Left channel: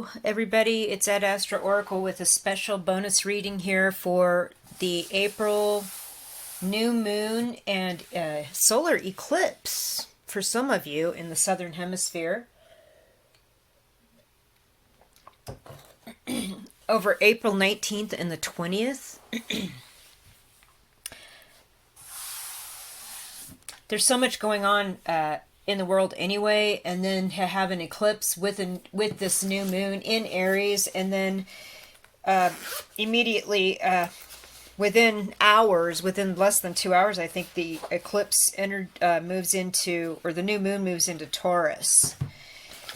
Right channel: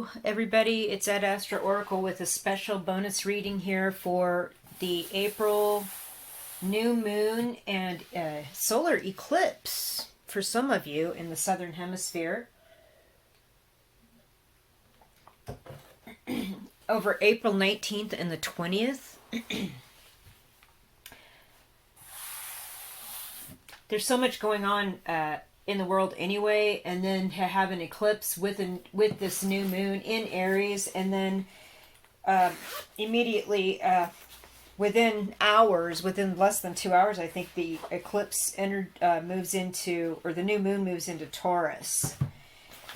Hello, everybody. It's Ed Astra Oracle with a special bonus reading here for the April new moon and solar eclipse for some of you in the Southern Hemisphere. Over April 19th and the 20th. There's so much going on in the world anyway, and then to have an eclipse with this new moon in Aries, and then immediately within less than 2 hours, I think the eclipse moves into, or the new moon moves into Taurus.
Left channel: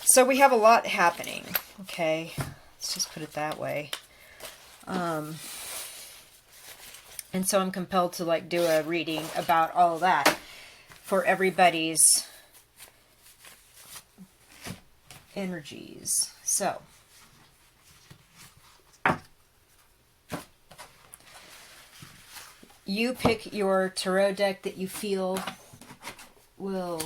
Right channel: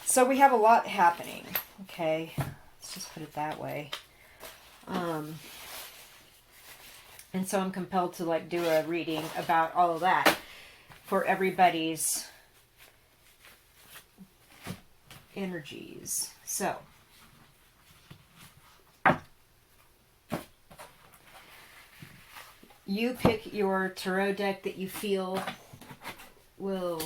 So we have a lot happening. Okay, let's just put it that way. And so I'm compelled to do a reading about all of that for everybody's energies. So you pick your tarot deck that you feel will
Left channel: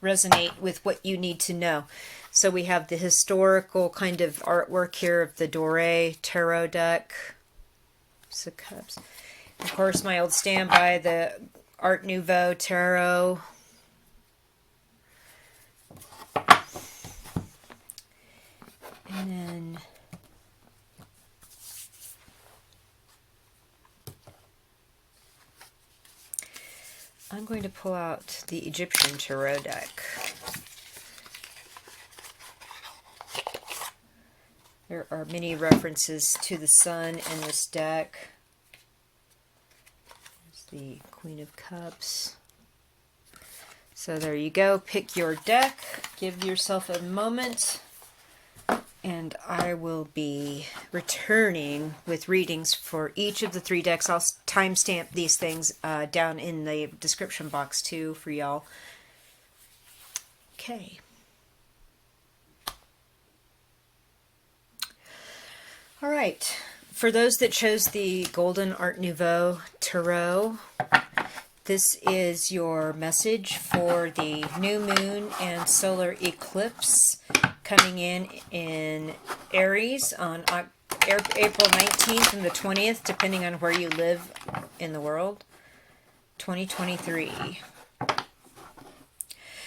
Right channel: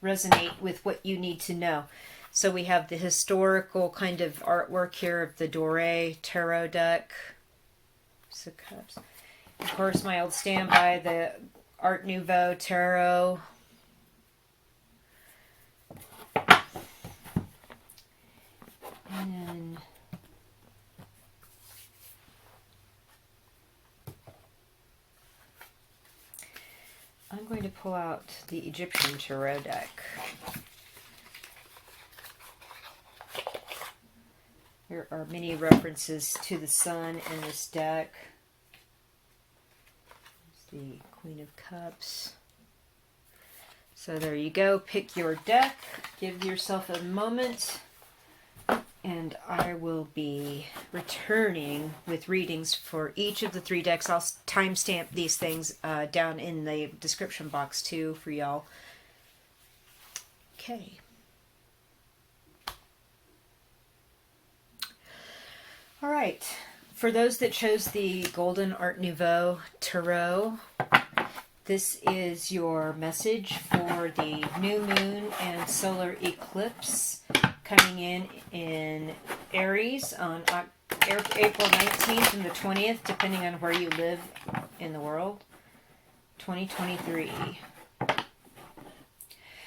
resonate with what you need to know. So we have the historical kind of artwork here of the Dore Tarot deck. Six of Cups. Of course, my old standby, the Art Nouveau Tarot. And then I'm going to pull out the Egyptian Tarot deck. There are many references to the sun in this deck. There's the Queen of Cups. So there you go. Pick your deck. Give yourself a moment. And I will be returning with readings for each of the three decks. I'll timestamp these things down in the description box too for y'all. Okay. All right. For those that chose the Golden Art Nouveau Tarot, this is your message for the new moon and solar eclipse coming in Aries on April 19th and the 20th, depending on where you live in the world, 2023.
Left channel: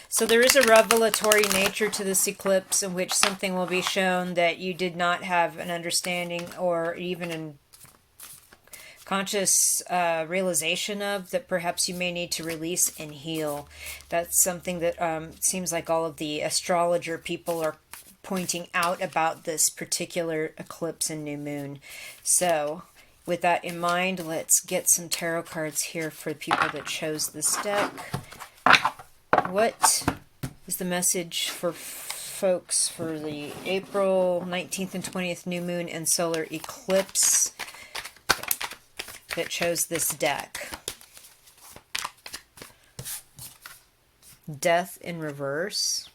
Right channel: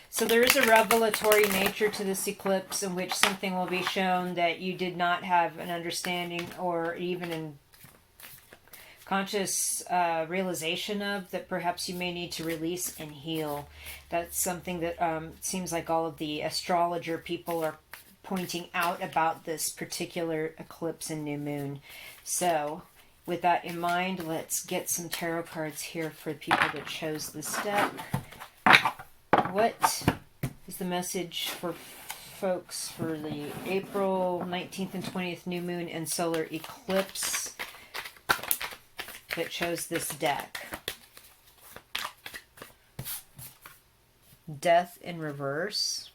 So there is a revelatory nature to this eclipse in which something will be shown that you did not have an understanding or even an conscious realization of, that perhaps you may need to release and heal. That's something that seems like all of the astrologer people are pointing out about this particular eclipse and new moon. So with that in mind, let's get some tarot cards here for the people that chose this deck. What is the message for folks for the April 19th and 20th new moon and solar eclipse that chose this deck? Death in reverse.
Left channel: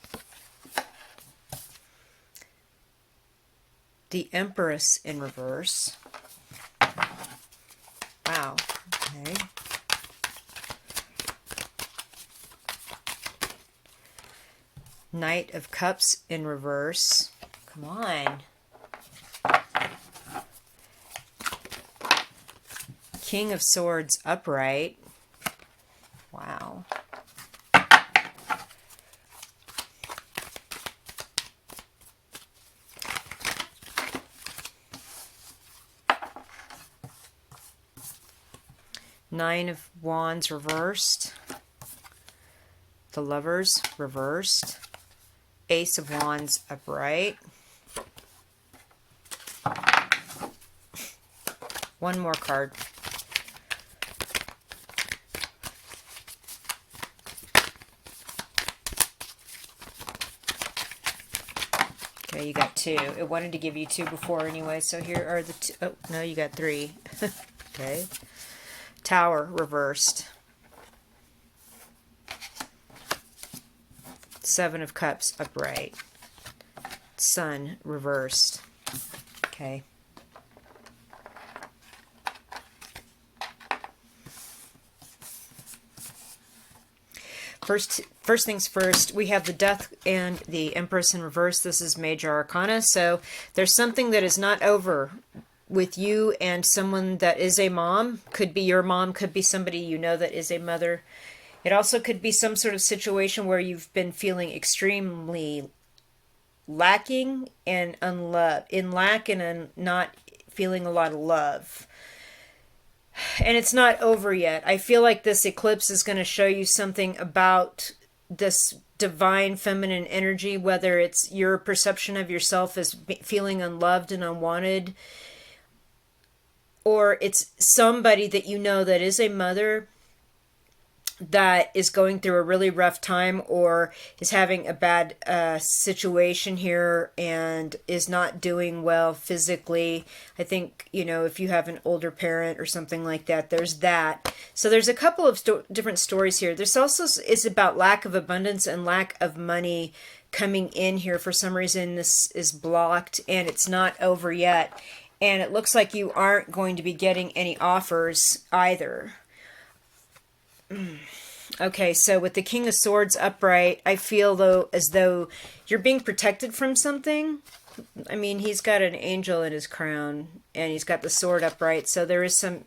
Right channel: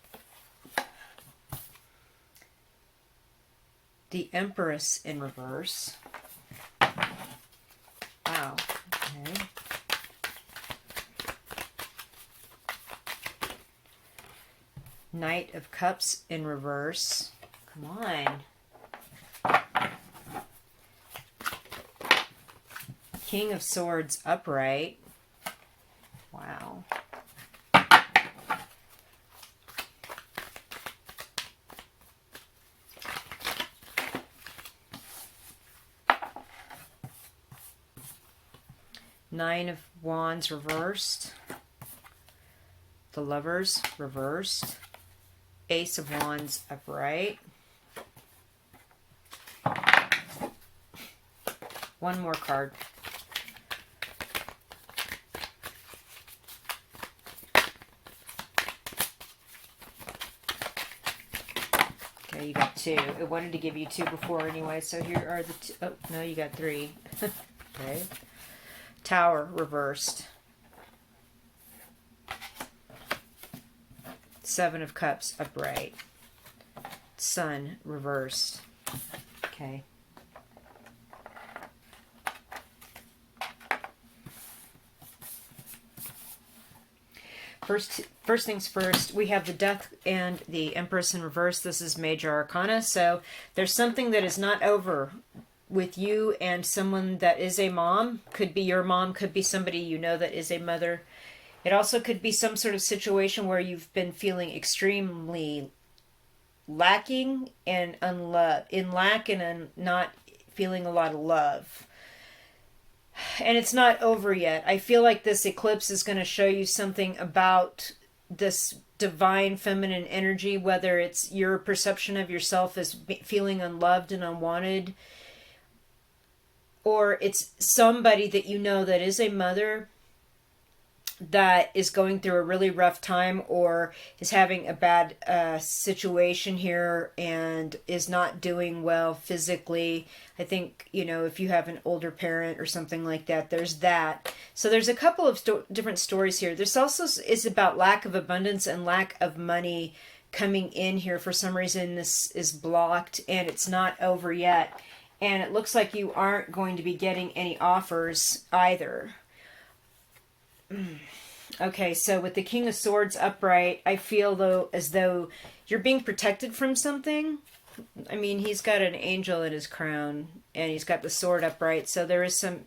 The Empress in reverse. Wow. Okay. Knight of Cups in reverse. Come on. King of Swords upright. Wow. Nine of Wands reversed. The Lovers reversed. Ace of Wands upright. One more card. Okay, you got two. It wanted to give you two before anyway, so here are the two. Oh, no, you got three. Okay. Tower reversed. Seven of Cups upright. Sun reversed. Okay. First things first, we have the Death and the Empress in reverse. This is Major Arcana. So there's something that is not over with you and someone that is a mom. Could be your mom, could be somebody you know that is a mother. It also could be some sort of situation where you've been feeling extremely lacking and in lack and not feeling a lot of love. And it's not over yet. I feel like this eclipse is going to show you something about this divine feminine energy, whether it's your perception of yourself as feeling unloved and unwanted, or it's somebody that you know that is a mother that is going through a really rough time or is having a bad situation here and is not doing well physically. I think, if you have an older parent or something like that, there's that. So there's a couple of different stories here. This also is about lack of abundance and lack of money coming in here. For some reason, this is blocked and it's not over yet. And it looks like you aren't going to be getting any offers either. Okay, so with the King of Swords upright, I feel as though you're being protected from something. I mean, he's got an angel in his crown, and he's got the sword upright, so there is some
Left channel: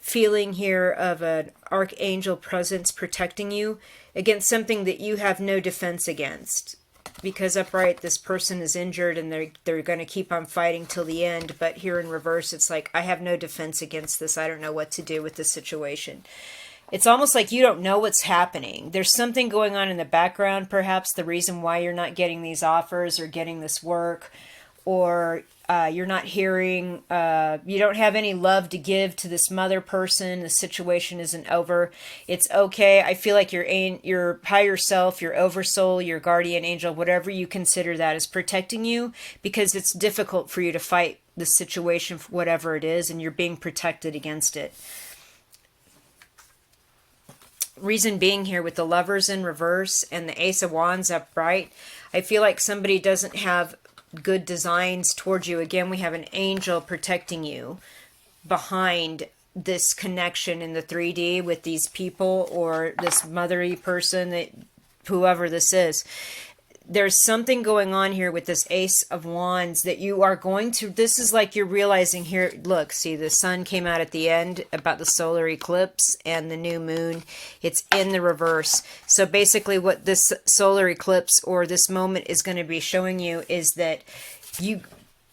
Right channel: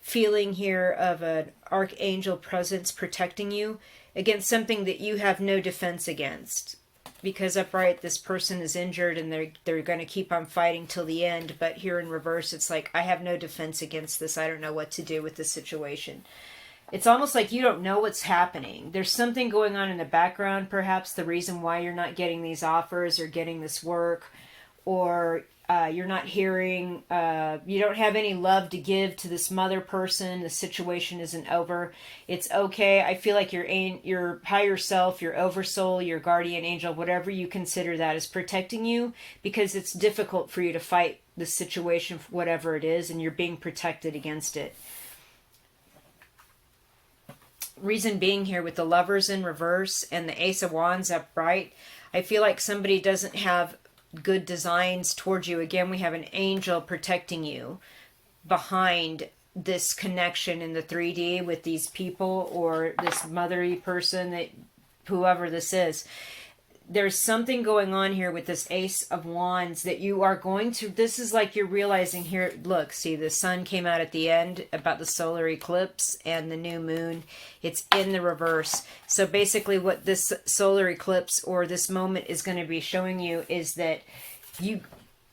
feeling here of an archangel presence protecting you against something that you have no defense against. Because upright, this person is injured, and they're going to keep on fighting till the end, but here in reverse, it's like, I have no defense against this. I don't know what to do with this situation. It's almost like you don't know what's happening. There's something going on in the background, perhaps the reason why you're not getting these offers or getting this work, or you're not hearing, you don't have any love to give to this mother person. The situation isn't over. It's okay. I feel like your higher self, your oversoul, your guardian angel, whatever you consider that, is protecting you because it's difficult for you to fight the situation, whatever it is, and you're being protected against it. Reason being here with the Lovers in reverse and the Ace of Wands upright, I feel like somebody doesn't have good designs towards you. Again, we have an angel protecting you behind this connection in the 3D with these people or this mothery person, that whoever this is. There's something going on here with this Ace of Wands that you are going to, this is like you're realizing here, look, see, the sun came out at the end about the solar eclipse and the new moon. It's in the reverse. So basically what this solar eclipse or this moment is going to be showing you is that you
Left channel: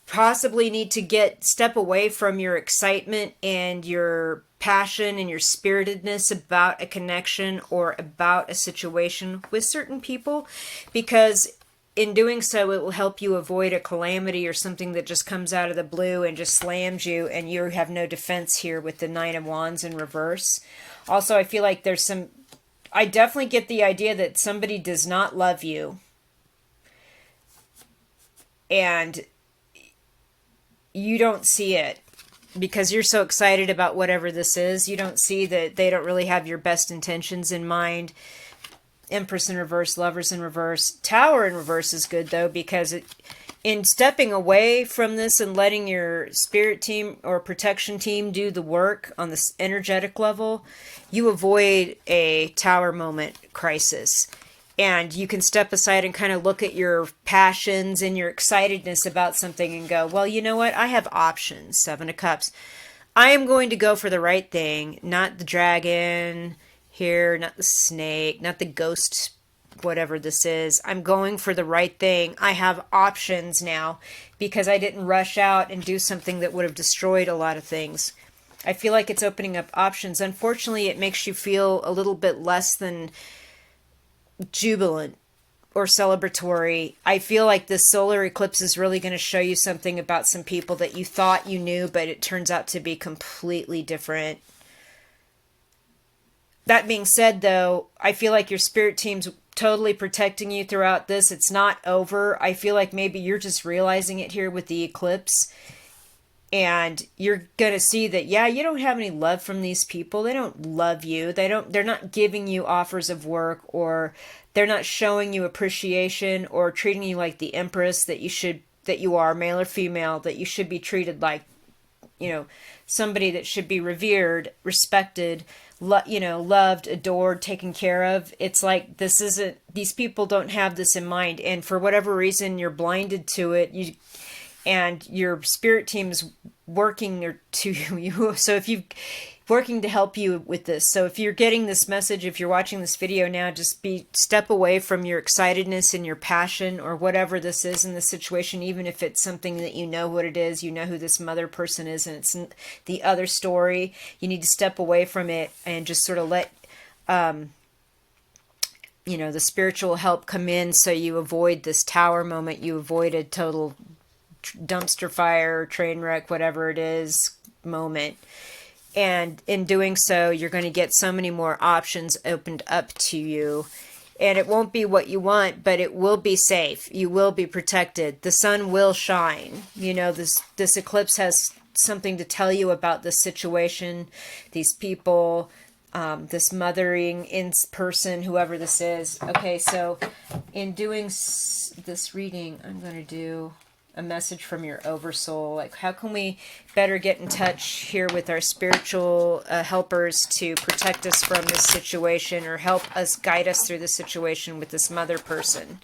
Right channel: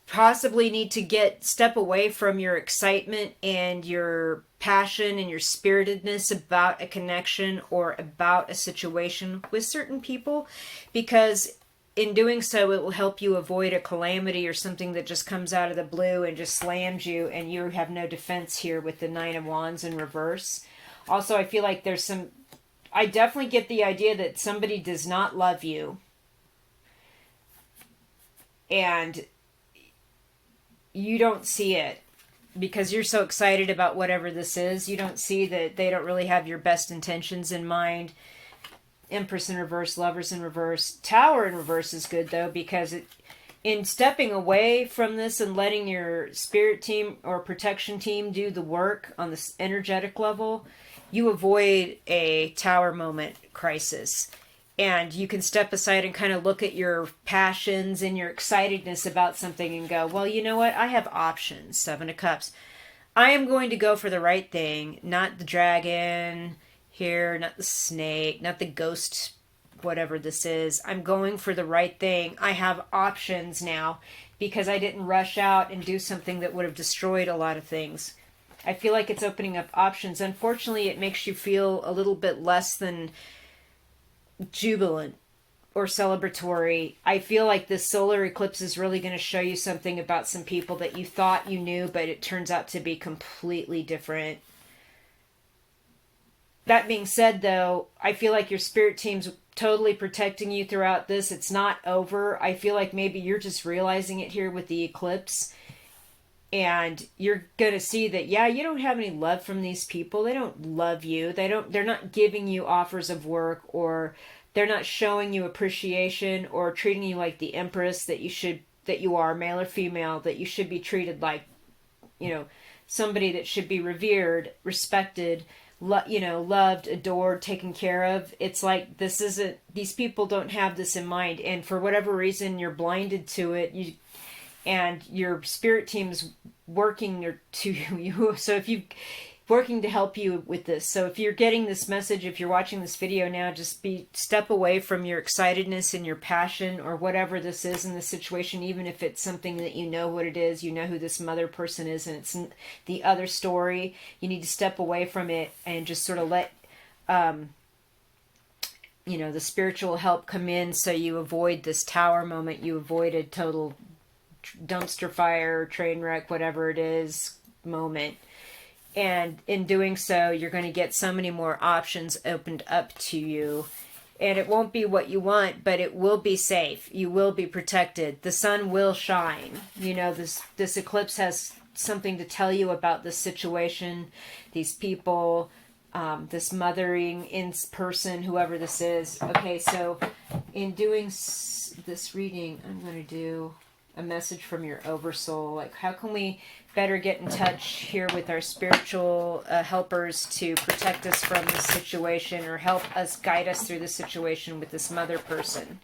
possibly need to step away from your excitement and your passion and your spiritedness about a connection or about a situation with certain people, because in doing so it will help you avoid a calamity or something that just comes out of the blue and just slams you and you have no defense here with the Nine of Wands in reverse. Also, I feel like I definitely get the idea that somebody does not love you and you don't see it because you're so excited about whatever this is. You don't see that they don't really have your best intentions in mind. Empress in reverse, Lovers in reverse. Tower in reverse is good, though, because in stepping away from this and letting your spirit team or protection team do the work on this energetic level, you avoid a tower moment crisis. And you can step aside and kind of look at your passions and your excitedness about something and go, well, you know what? I have options. Seven of Cups. I am going to go for the right thing, not the dragon here, not the snake, not the ghost, whatever this is. I'm going for the right thing. I have options now because I didn't rush out and do something that would have destroyed a lot of things. I feel like it's opening up options. Unfortunately, it makes you feel a little bit less than jubilant or celebratory. I feel like this solar eclipse is really going to show you something about some people that you thought you knew, but it turns out to be completely different. That being said, though, I feel like your spirit team's totally protecting you throughout this. It's not over. I feel like maybe you're just realizing it here with the eclipse. And you're going to see that, yeah, you don't have any love from these people. They don't love you. They're not giving you offers of work, or they're not showing you appreciation or treating you like the empress that you are, male or female, that you should be treated like, somebody that should be revered, respected, loved, adored, taken care of. It's like these people don't have this in mind, and for whatever reason you're blinded to it. And your spirit team is working to you. So if you working to help you with this. So if you're getting this message, if you're watching this video now, just step away from your excitedness and your passion or whatever this is in the situation, even if it's something that you know what it is, you know who this mother person is, and it's the other story. You need to step away from it and just sort of let the spiritual help come in, so you avoid this tower moment, you avoid a total dumpster fire, train wreck, whatever it is moment. And in doing so, you're going to get so many more options opened up to you. And it won't be what you want, but it will be safe. You will be protected. The sun will shine. This eclipse has something to tell you about this situation, these people, this mothering in person, whoever this is. Okay, so in doing this reading, I'm going to do a message from your oversoul. Like, how can we better get in touch here with our spiritual helpers to protect us from this situation, or help us guide us through this situation with this mother person?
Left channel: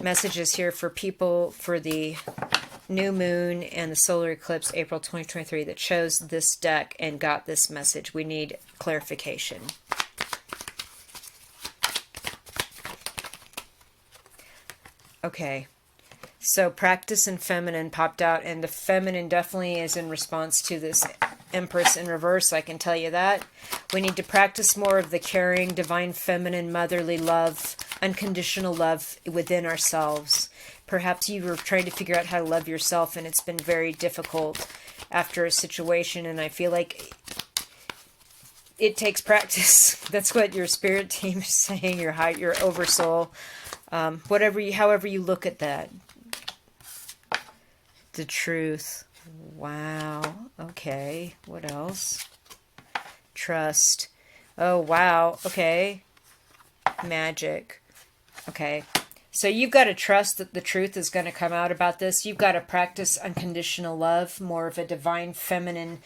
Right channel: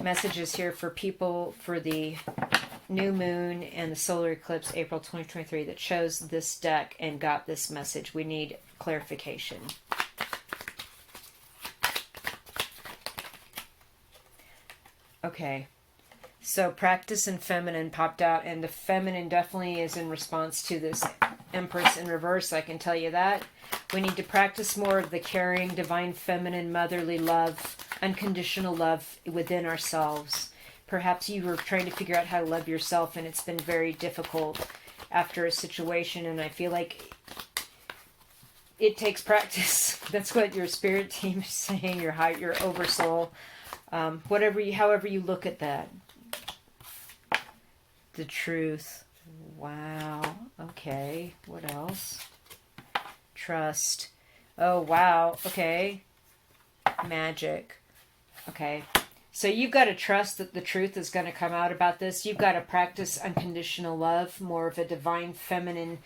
Messages here for people for the new moon and the solar eclipse, April 2023, that chose this deck and got this message. We need clarification. Okay, so practice and feminine popped out, and the feminine definitely is in response to this Empress in reverse, I can tell you that. We need to practice more of the caring, divine, feminine, motherly love, unconditional love within ourselves. Perhaps you were trying to figure out how to love yourself, and it's been very difficult after a situation, and I feel like it takes practice. That's what your spirit team is saying, your oversoul. However you look at that. The truth. Wow. Okay. What else? Trust. Oh, wow. Okay. Magic. Okay. So you've got to trust that the truth is going to come out about this. You've got to practice unconditional love, more of a divine feminine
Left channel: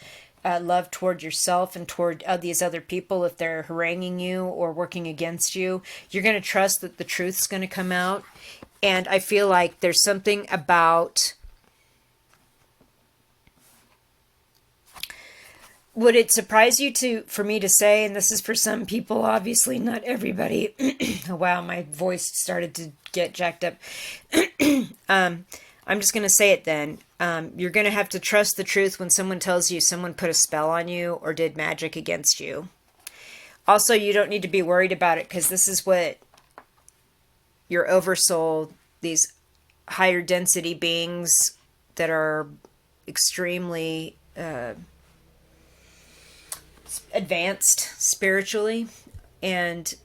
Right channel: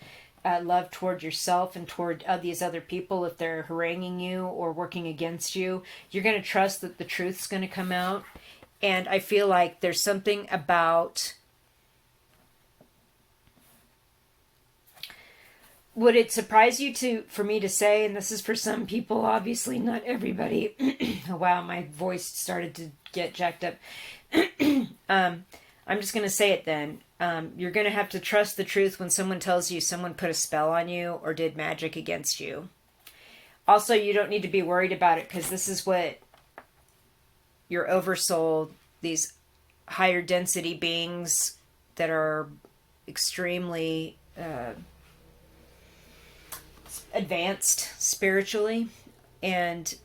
love toward yourself and toward these other people. If they're haranguing you or working against you, you're going to trust that the truth's going to come out. And I feel like there's something about, would it surprise you for me to say, and this is for some people, obviously not everybody. Wow, my voice started to get jacked up. I'm just going to say it then. You're going to have to trust the truth when someone tells you someone put a spell on you or did magic against you. Also, you don't need to be worried about it, because this is what your oversoul, these higher density beings that are extremely advanced spiritually and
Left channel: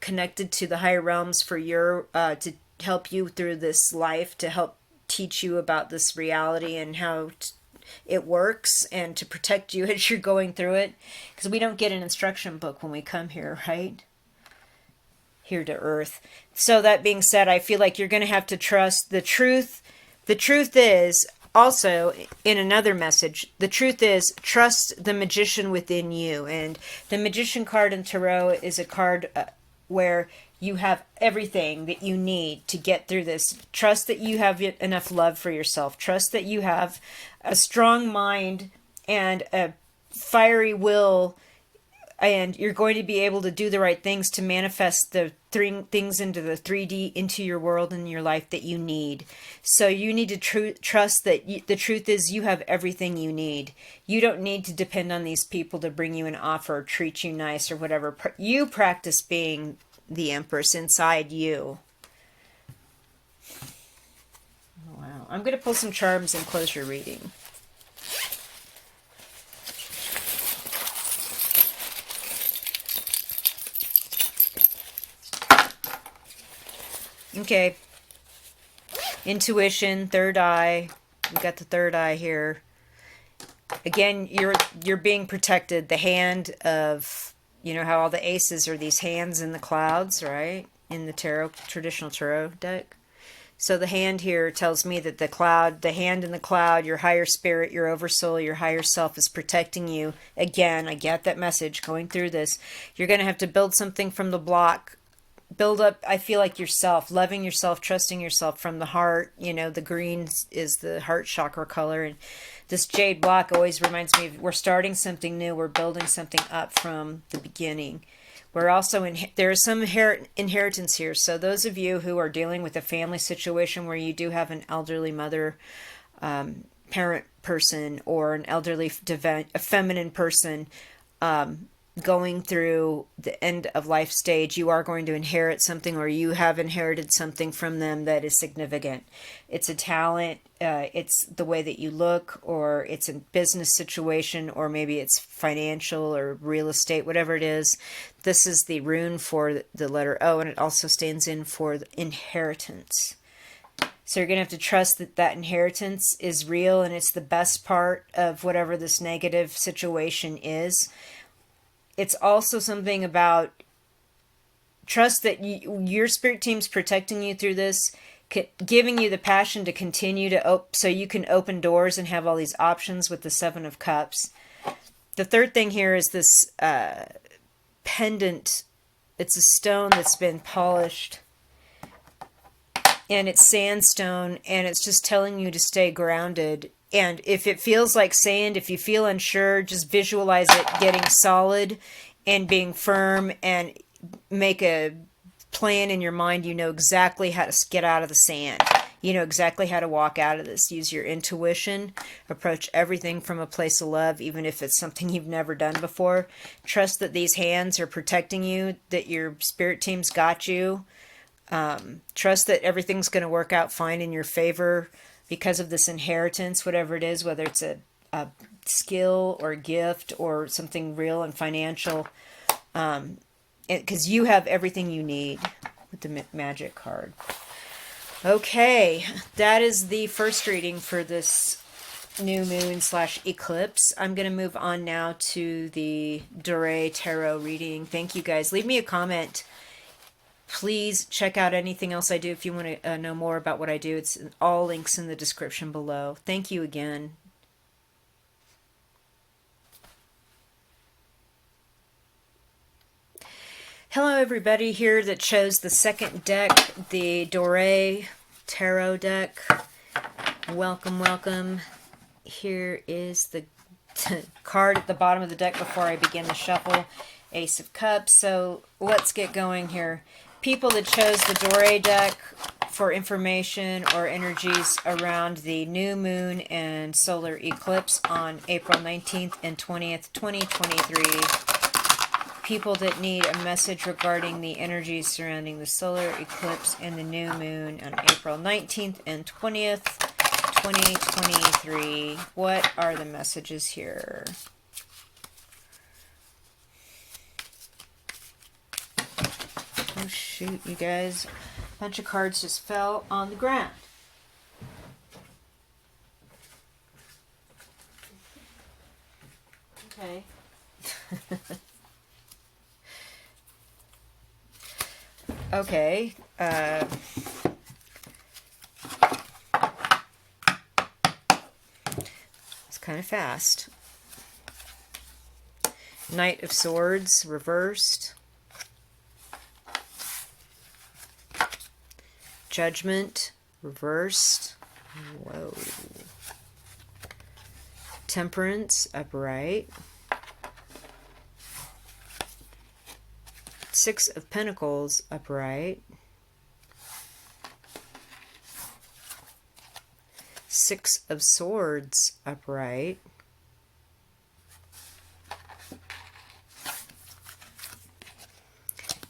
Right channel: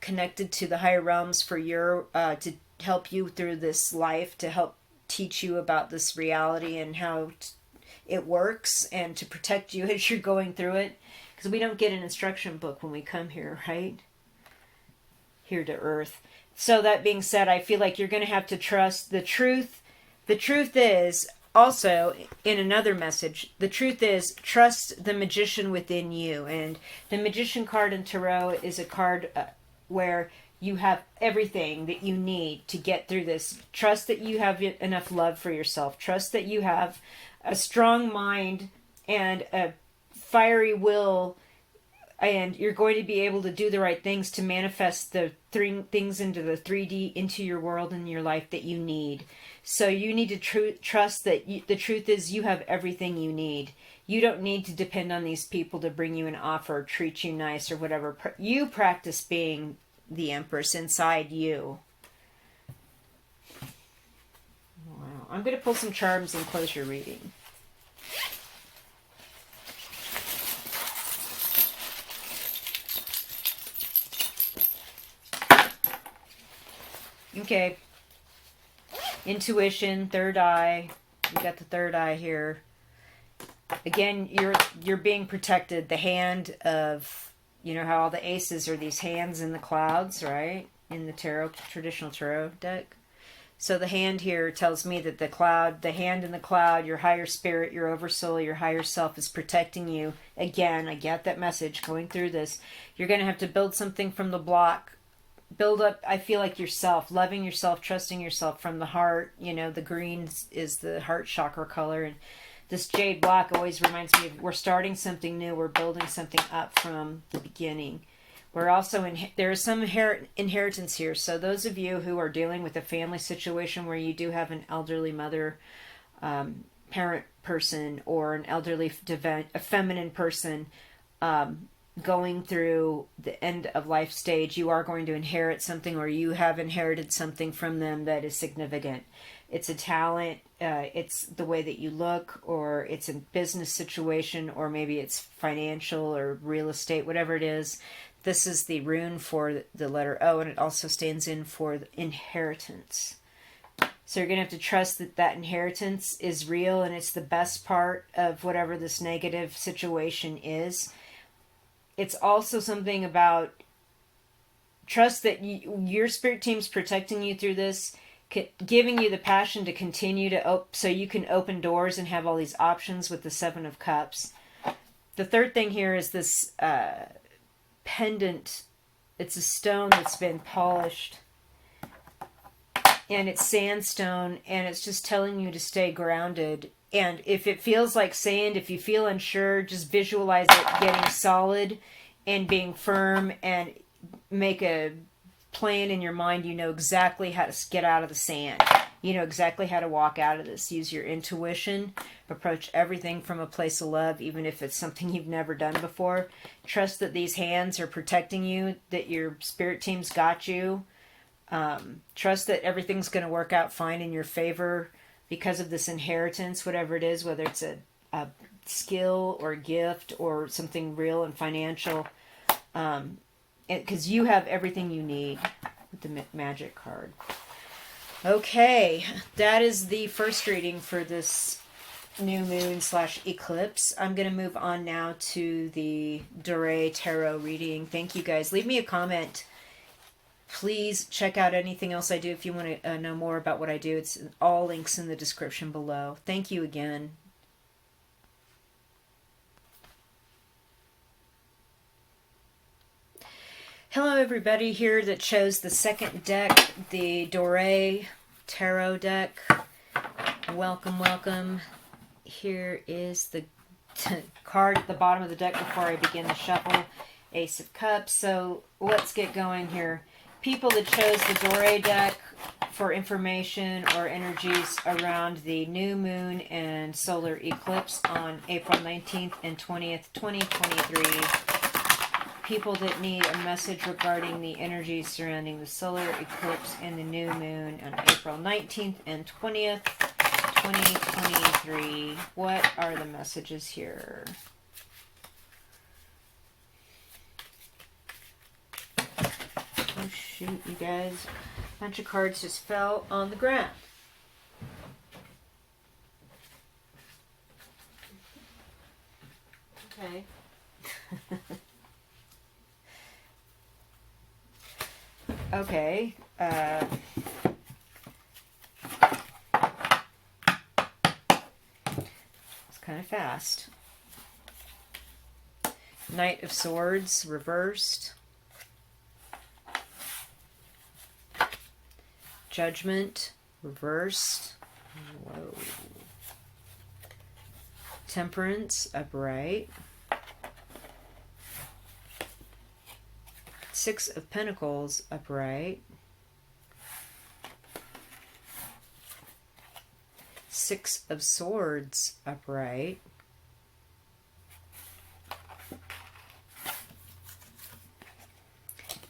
connected to the higher realms for to help you through this life, to help teach you about this reality and how it works, and to protect you as you're going through it. Because we don't get an instruction book when we come here, right? Here to Earth. So that being said, I feel like you're going to have to trust the truth. The truth is, also, in another message, the truth is, trust the magician within you. And the magician card in Tarot is a card where you have everything that you need to get through this. Trust that you have enough love for yourself. Trust that you have a strong mind and a fiery will, and you're going to be able to do the right things to manifest the things into the 3D, into your world and your life that you need. So you need to trust that the truth is, you have everything you need. You don't need to depend on these people to bring you an offer, treat you nice or whatever. You practice being the Empress inside you. Wow. I'm going to pull some charms and close your reading. Okay. Intuition, third eye. We've got the third eye here. Again, you're being protected. The hand of, you know how all the aces are these hands in the clouds, right? In the tarot, traditional tarot deck. So the hand here tells me that the hand in the cloud, your higher spirit, your oversoul, your higher self is protecting you. Again, I get that message going through this. You're going to have to build something from the block. Build up, I feel like, yourself, loving yourself, trusting yourself from the heart. You know, the green is the heart chakra color. And this jade block always reminds me of we're starting something new. We're building something up from the beginning. We're also there is some inheritance here. So those of you who are dealing with a family situation where you do have an elderly mother, parent person, or an elderly a feminine person going through the end of life stage, you are going to inherit something, or you have inherited something from them that is significant. It's a talent, it's the way that you look, or it's a business situation, or maybe it's financial or real estate, whatever it is. This is the rune for the letter O, and it also stands in for inheritance. So you're going to have to trust that that inheritance is real, and it's the best part of whatever this negative situation is. It's also something about trust that your spirit team's protecting you through this, giving you the passion to continue to so you can open doors and have all these options with the Seven of Cups. The third thing here is this pendant. It's a stone that's been polished, and it's sandstone, and it's just telling you to stay grounded. And if it feels like sand, if you feel unsure, just visualize it getting solid and being firm, and make a plan in your mind. You know exactly how to get out of the sand. You know exactly how to walk out of this. Use your intuition. Approach everything from a place of love, even if it's something you've never done before. Trust that these hands are protecting you, that your spirit team's got you. Trust that everything's going to work out fine in your favor because of this inheritance, whatever it is, whether it's a skill or a gift or something real and financial. Because you have everything you need with the magic card. Okay, that is the first reading for this new moon / eclipse. I'm going to move on now to the Dore Tarot reading. Thank you guys. Leave me a comment. Please check out anything else I do if you want to know more about what I do. It's all links in the description below. Thank you again. Hello everybody here that chose the second deck, the Dore Tarot deck. Welcome, welcome. Here is the card at the bottom of the deck before I begin the shuffle. Ace of Cups. So let's get going here. People that chose the Dore deck for information or energies around the new moon and solar eclipse on April 19th and 20th, 2023. People that need a message regarding the energies surrounding the solar eclipse and the new moon on April 19th and 20th, 2023. What are the messages here? Oh shoot, you guys. A bunch of cards just fell on the ground. Okay. Okay. It's kind of fast. Knight of Swords reversed. Judgment reversed. Whoa. Temperance upright. Six of Pentacles upright. Six of Swords upright.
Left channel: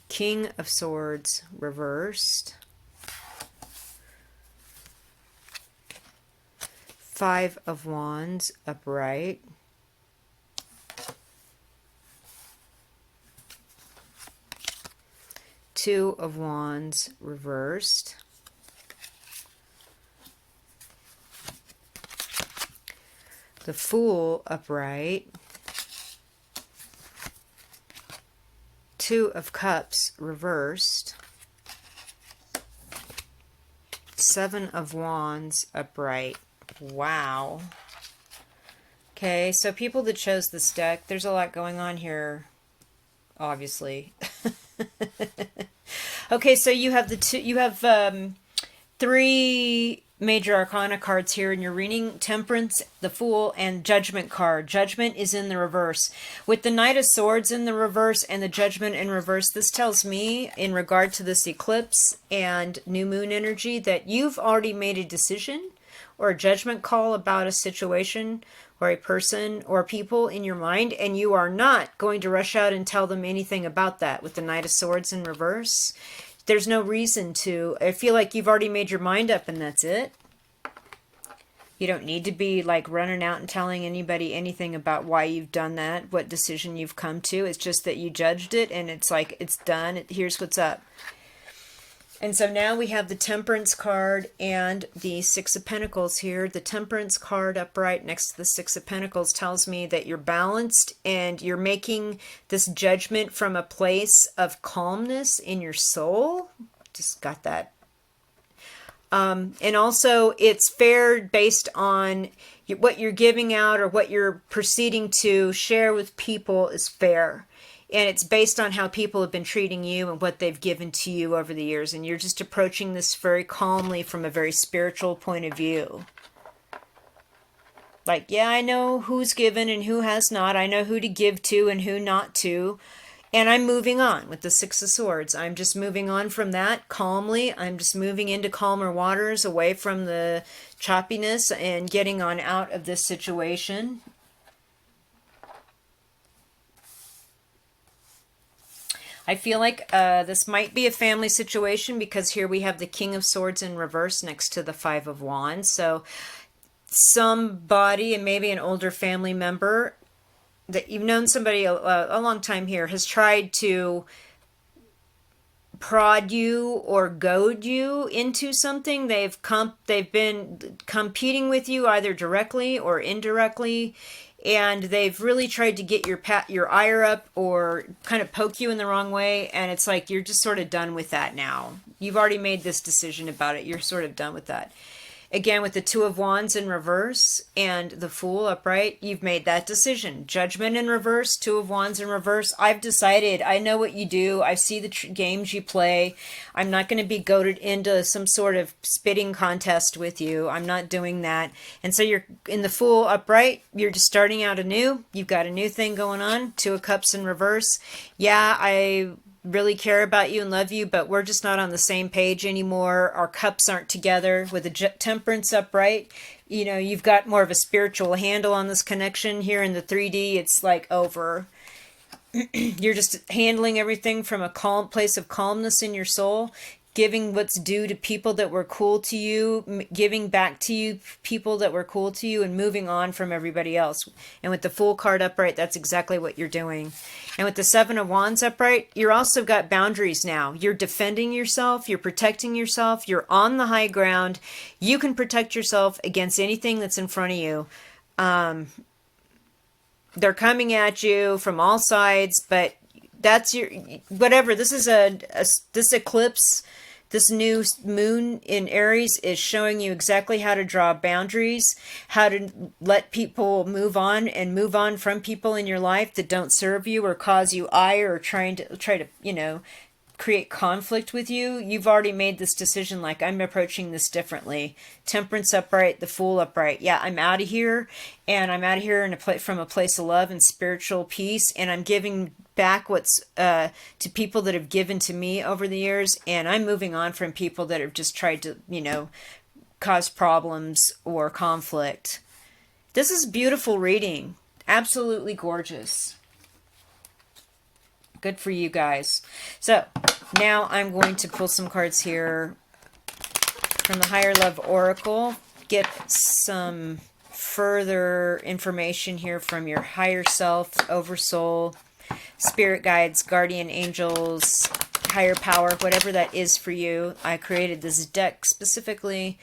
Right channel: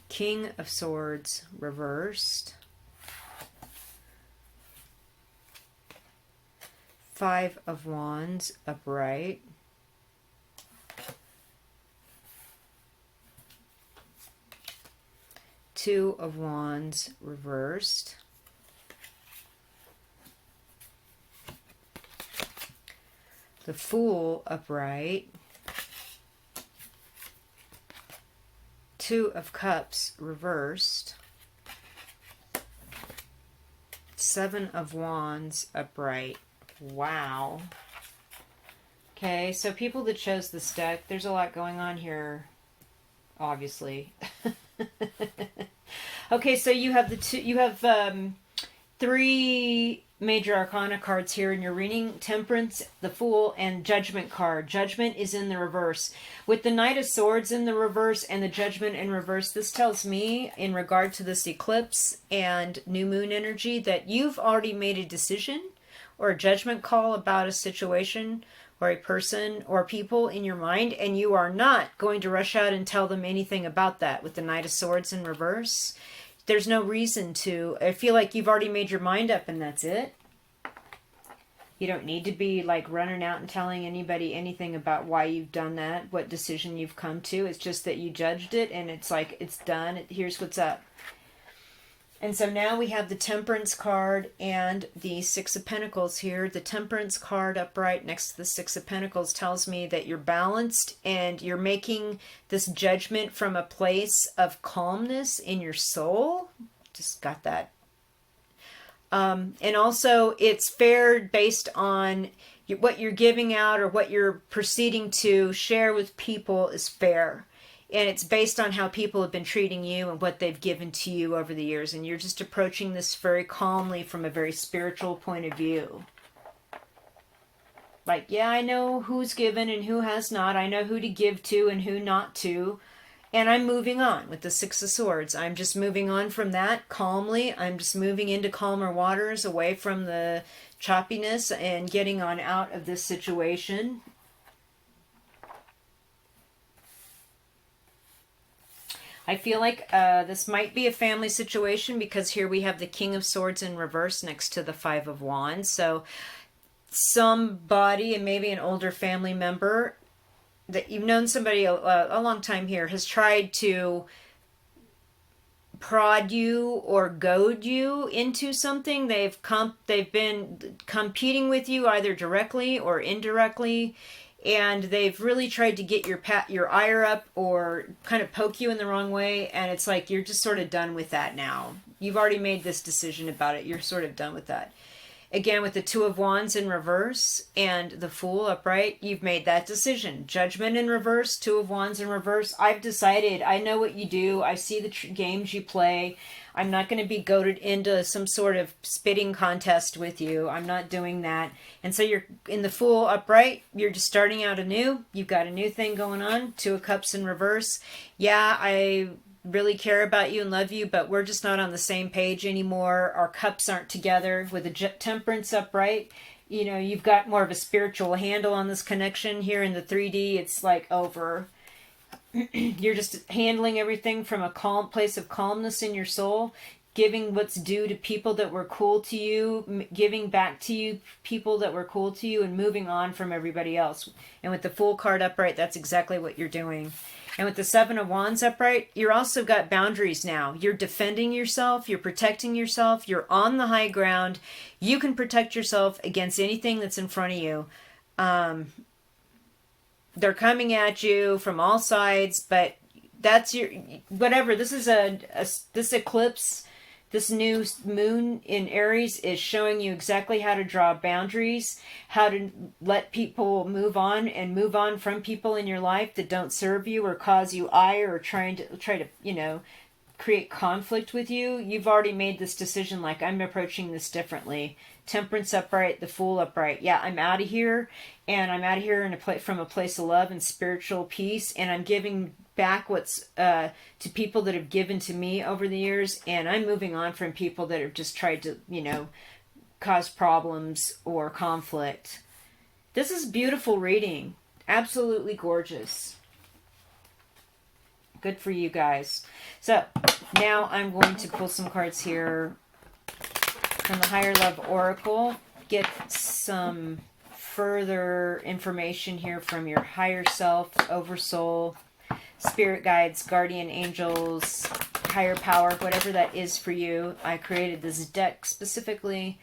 King of Swords reversed. Five of Wands upright. Two of Wands reversed. The Fool upright. Two of Cups reversed. Seven of Wands upright. Wow. Okay, so people that chose this deck, there's a lot going on here, obviously. Okay, so you have three major arcana cards here in your reading: Temperance, the Fool, and Judgment card. Judgment is in the reverse. With the Knight of Swords in the reverse and the Judgment in reverse, this tells me, in regard to this eclipse and new moon energy, that you've already made a decision or a judgment call about a situation or a person or people in your mind, and you are not going to rush out and tell them anything about that. With the Knight of Swords in reverse, there's no reason to. I feel like you've already made your mind up and that's it. You don't need to be like running out and telling anybody anything about why you've done that, what decision you've come to. It's just that you judged it and it's like, it's done. Here's what's up. And so now we have the Temperance card and the Six of Pentacles here. The Temperance card upright next to the Six of Pentacles tells me that you're balanced and you're making this judgment from a place of calmness in your soul. Just got that. And also it's fair based on what you're giving out or what you're proceeding to share with people is fair. And it's based on how people have been treating you and what they've given to you over the years. And you're just approaching this very calmly from a very spiritual point of view. Like, yeah, I know who's given and who has not. I know who to give to and who not to. And I'm moving on with the Six of Swords. I'm just moving on from that calmly. I'm just moving into calmer waters, away from the choppiness and getting on out of this situation. I feel like this might be a family situation because here we have the King of Swords in reverse next to the Five of Wands. So somebody, and maybe an older family member that you've known somebody a long time here, has tried to prod you or goad you into something. They've been competing with you either directly or indirectly. And they've really tried to get your ire up or kind of poke you in the wrong way. And it's like you're just sort of done with that now. You've already made this decision about it. You're sort of done with that. Again, with the Two of Wands in reverse and the Fool upright, you've made that decision. Judgment in reverse, Two of Wands in reverse. I've decided. I know what you do. I see the games you play. I'm not going to be goaded into some sort of spitting contest with you. I'm not doing that. And so you're in the Fool upright. You're just starting out anew. You've got a new thing going on. Two of Cups in reverse. Yeah, I really care about you and love you, but we're just not on the same page anymore. Our cups aren't together. With the Temperance upright, you know, you've got more of a spiritual handle on this connection. Here in the 3D, it's like over. You're just handling everything from a calm place of calmness in your soul, giving what's due to people that were cool to you, giving back to you people that were cool to you, and moving on from everybody else. And with the Fool card upright, that's exactly what you're doing. And with the Seven of Wands upright, you're also got boundaries now. You're defending yourself. You're protecting yourself. You're on the high ground. You can protect yourself against anything that's in front of you. They're coming at you from all sides, but that's your whatever. This is this eclipse. This new moon in Aries is showing you exactly how to draw boundaries, how to let people move on and move on from people in your life that don't serve you or cause you ire or try to, you know, create conflict with you. You've already made this decision, like, I'm approaching this differently. Temperance upright, the Fool upright. Yeah, I'm out of here, and I'm out of here from a place of love and spiritual peace, and I'm giving back what's to people that have given to me over the years, and I'm moving on from people that have just tried to, you know, cause problems or conflict. This is beautiful reading. Absolutely gorgeous. Good for you guys. So now I'm going to pull some cards here from the Higher Love Oracle. Get some further information here from your higher self, oversoul, spirit guides, guardian angels, higher power, whatever that is for you. I created this deck specifically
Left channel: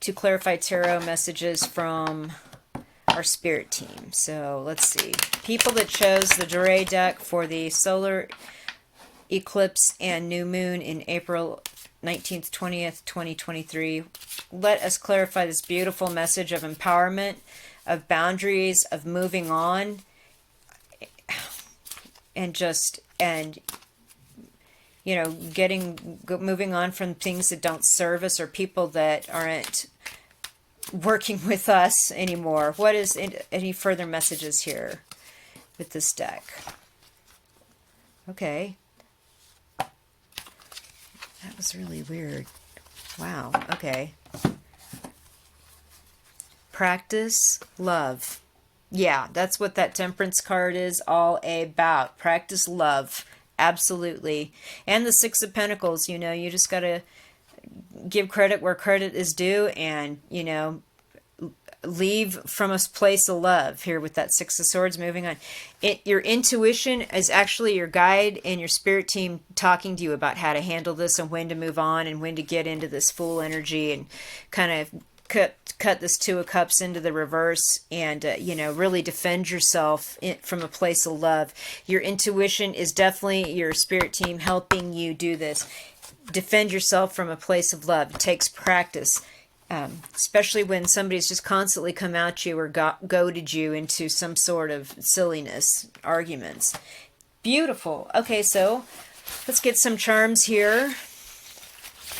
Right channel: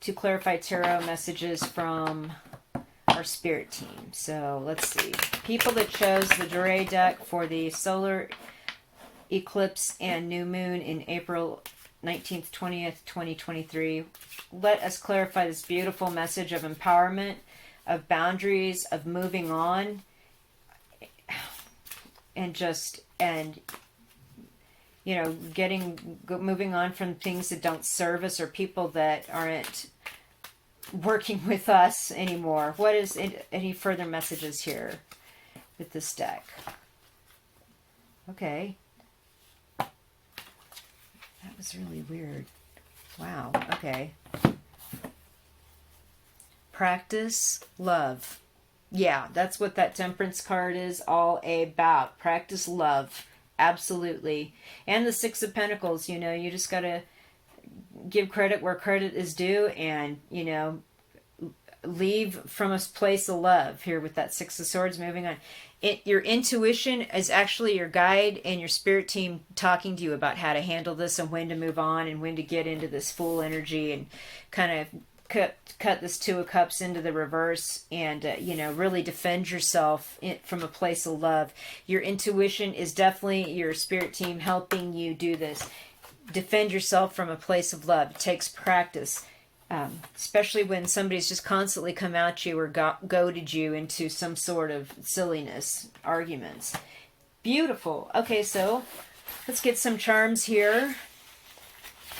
to clarify tarot messages from our spirit team. So let's see. People that chose the Dore deck for the solar eclipse and new moon in April 19th, 20th, 2023. Let us clarify this beautiful message of empowerment, of boundaries, of moving on, and you know, moving on from things that don't serve us or people that aren't working with us anymore. What is any further messages here with this deck? Okay. That was really weird. Wow. Okay. Practice love. Yeah, that's what that Temperance card is all about. Practice love. Absolutely. And the Six of Pentacles, you know, you just got to give credit where credit is due, and, you know, leave from a place of love here with that Six of Swords. Moving on. Your intuition is actually your guide and your spirit team talking to you about how to handle this and when to move on and when to get into this Fool energy and kind of cut this Two of Cups into the reverse, and you know, really defend yourself from a place of love. Your intuition is definitely your spirit team helping you do this. Defend yourself from a place of love. It takes practice, especially when somebody's just constantly come at you or goaded you into some sort of silliness, arguments. Beautiful. Okay, so let's get some charms here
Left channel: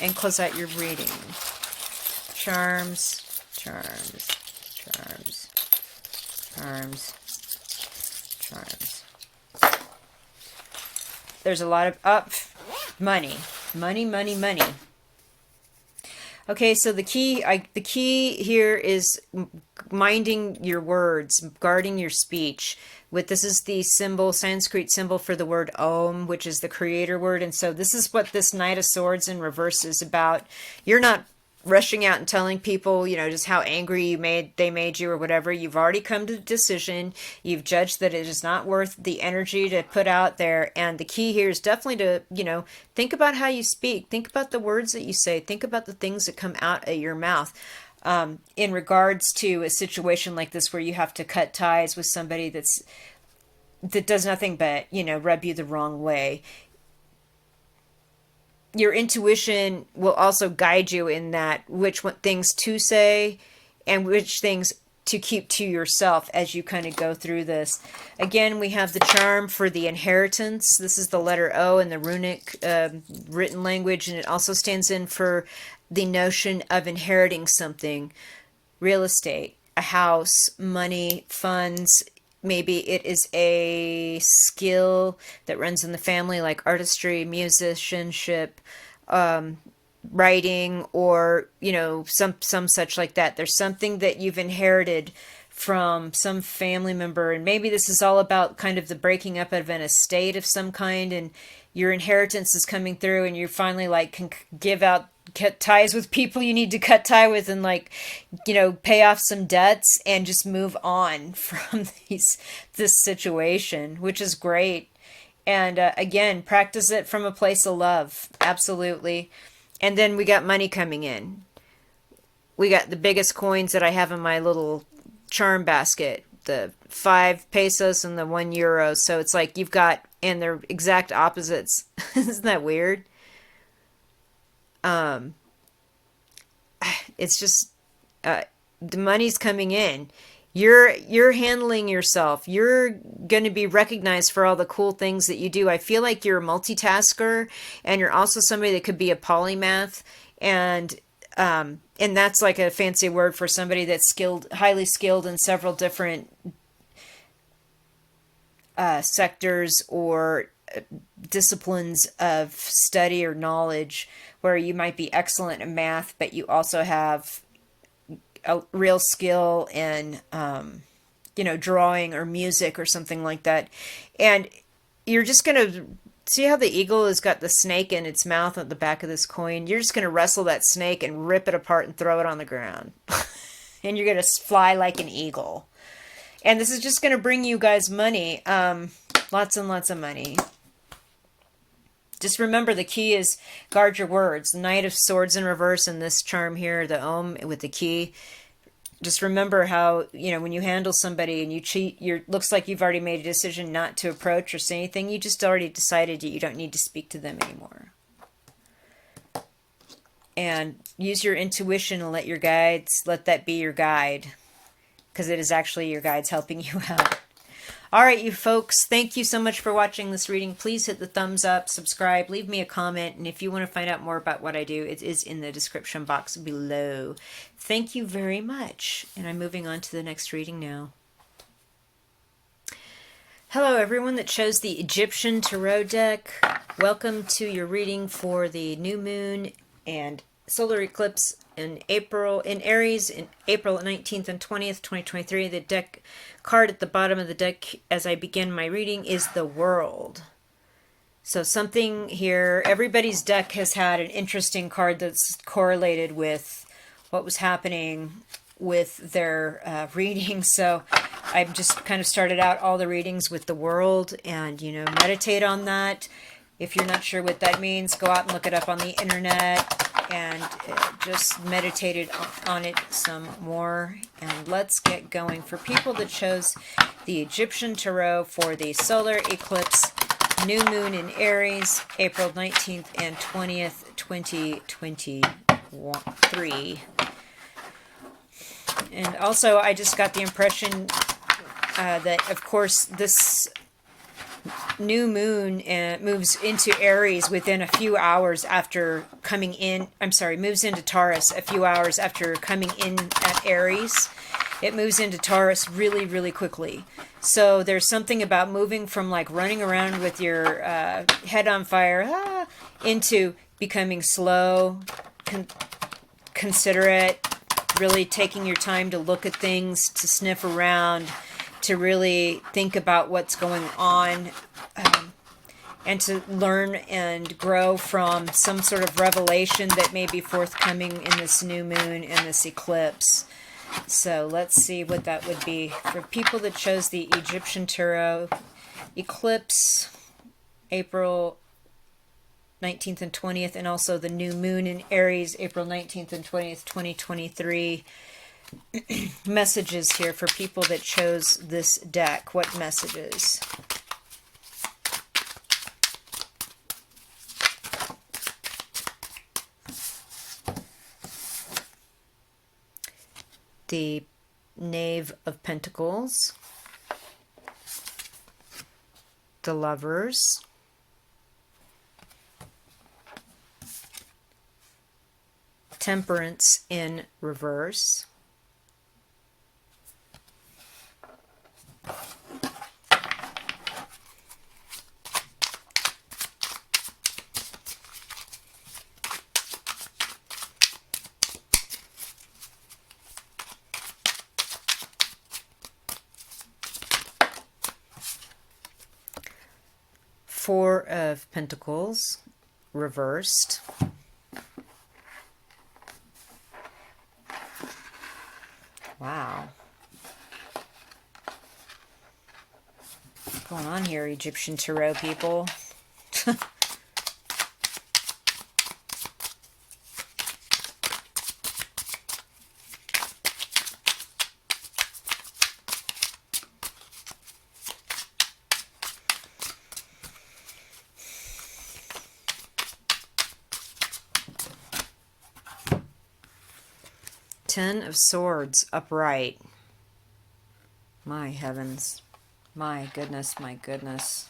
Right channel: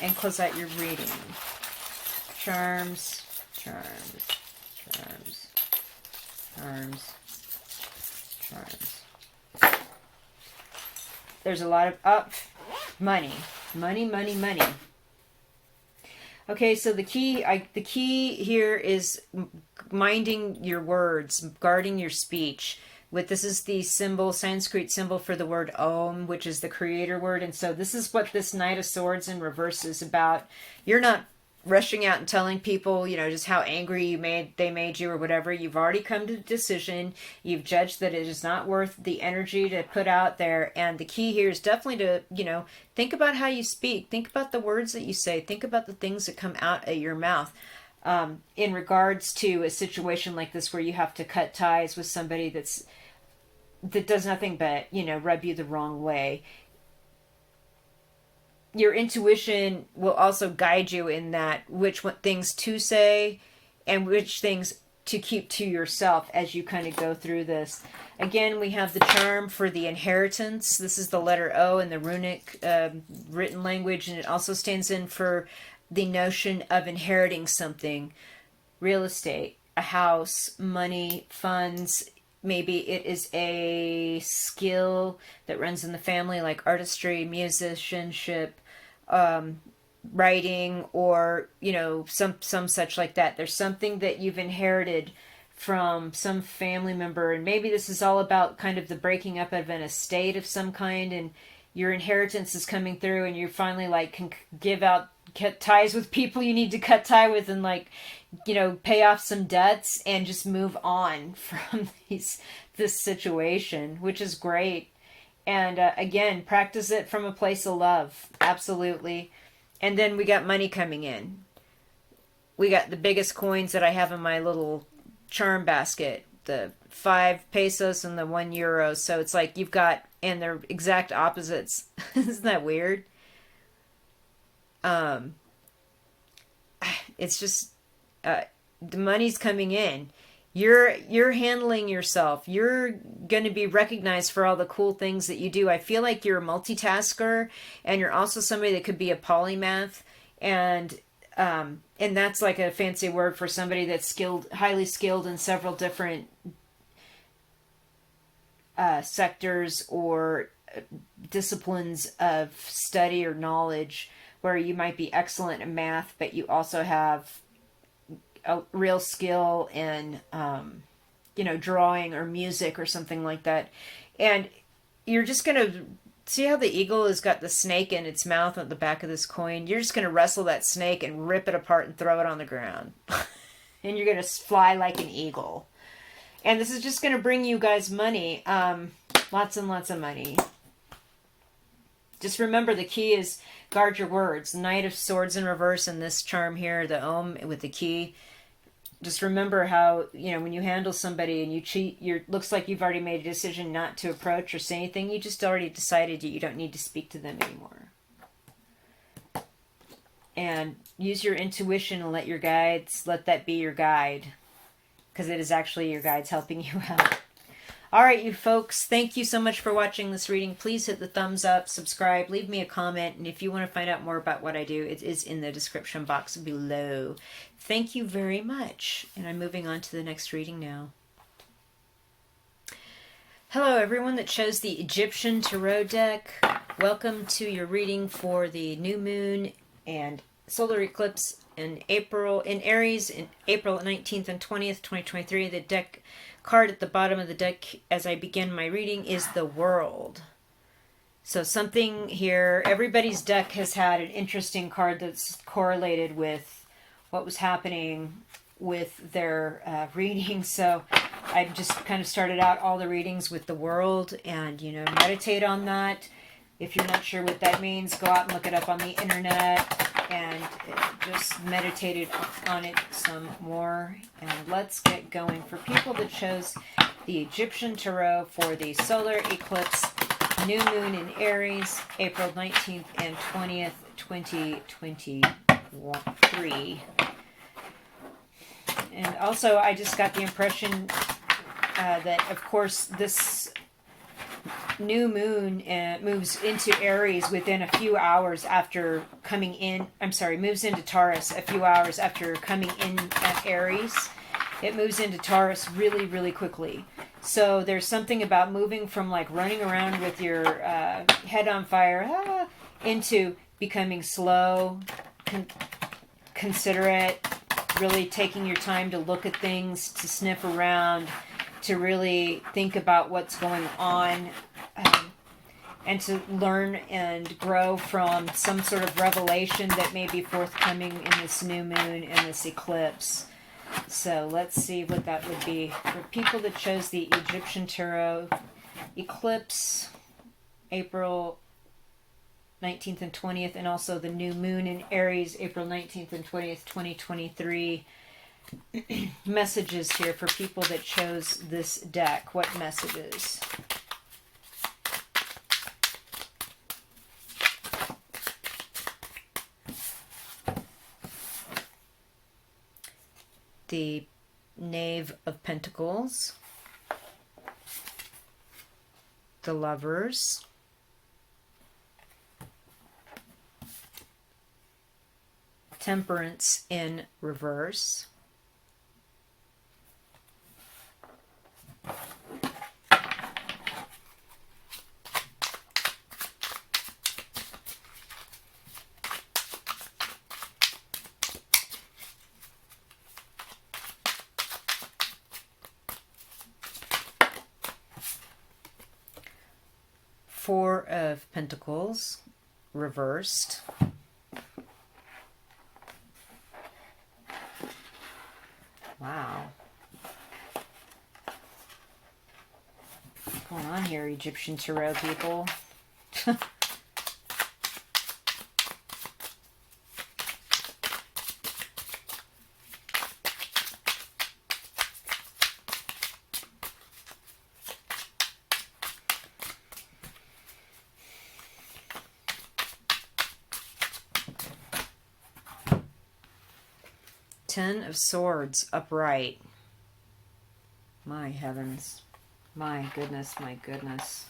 and close out your reading. Charms, charms, charms, charms, charms. There's a lot of money, money, money, money. Okay, so the key here is minding your words, guarding your speech. This is the symbol, Sanskrit symbol for the word Om, which is the creator word. And so this is what this Knight of Swords in reverse is about. You're not rushing out and telling people, you know, just how angry they made you or whatever. You've already come to the decision. You've judged that it is not worth the energy to put out there. And the key here is definitely to, you know, think about how you speak. Think about the words that you say. Think about the things that come out of your mouth. In regards to a situation like this where you have to cut ties with somebody that does nothing but, you know, rub you the wrong way. Your intuition will also guide you in that which things to say and which things to keep to yourself as you kind of go through this. Again, we have the charm for the inheritance. This is the letter O in the runic written language, and it also stands in for the notion of inheriting something. Real estate, a house, money, funds. Maybe it is a skill that runs in the family, like artistry, musicianship, writing, or, you know, some such like that. There's something that you've inherited from some family member, and maybe this is all about kind of the breaking up of an estate of some kind, and your inheritance is coming through, and you finally like can cut ties with people you need to cut tie with, and, like, you know, pay off some debts and just move on from this situation, which is great. And again, practice it from a place of love. Absolutely. And then we got money coming in. We got the biggest coins that I have in my little charm basket, the 5 pesos and the 1 euro. So it's like you've got, and they're exact opposites. Isn't that weird? It's just the money's coming in. You're handling yourself. You're going to be recognized for all the cool things that you do. I feel like you're a multitasker, and you're also somebody that could be a polymath, and that's like a fancy word for somebody that's skilled, highly skilled in several different sectors or disciplines of study or knowledge, where you might be excellent in math, but you also have a real skill in, you know, drawing or music or something like that. And you're just going to see how the eagle has got the snake in its mouth at the back of this coin. You're just going to wrestle that snake and rip it apart and throw it on the ground. And you're going to fly like an eagle. And this is just going to bring you guys money. Lots and lots of money. Just remember, the key is guard your words. Knight of Swords in reverse, and this charm here, the Om with the key. just remember how, when you handle somebody and you cheat, looks like you've already made a decision not to approach or say anything. You just already decided that you don't need to speak to them anymore. And use your intuition and let that be your guide, because it is actually your guides helping you out. All right, you folks, thank you so much for watching this reading. Please hit the thumbs up, subscribe, leave me a comment, and if you want to find out more about what I do, it is in the description box below. Thank you very much, and I'm moving on to the next reading now. Hello, everyone that chose the Egyptian Tarot deck. Welcome to your reading for the new moon and solar eclipse in Aries in April 19th and 20th, 2023. The deck card at the bottom of the deck as I begin my reading is the World. So something here, everybody's deck has had an interesting card that's correlated with what was happening with their reading. So I just kind of started out all the readings with the World, and meditate on that. If you're not sure what that means, go out and look it up on the internet and just meditate on it some more. And let's get going. For people that chose the Egyptian Tarot for the solar eclipse, new moon in Aries, April 19th and 20th, 2023. And also, I just got the impression that, of course, this new moon moves into Aries within a few hours after coming in. Moves into Taurus a few hours after coming in at Aries. It moves into Taurus really, really quickly. So there's something about moving from like running around with your head on fire into becoming slow, considerate, really taking your time to look at things, to sniff around, to really think about what's going on, and to learn and grow from some sort of revelation that may be forthcoming in this new moon and this eclipse. So let's see what that would be. For people that chose the Egyptian Tarot eclipse, April 19th and 20th, and also the new moon in Aries, April 19th and 20th, 2023. Messages here for people that chose this deck. What messages? The Knave of Pentacles, the Lovers, Temperance in reverse, Four of Pentacles reversed, wow, what's going on here, Egyptian Tarot people? Ten of Swords upright. My heavens. My goodness, my goodness.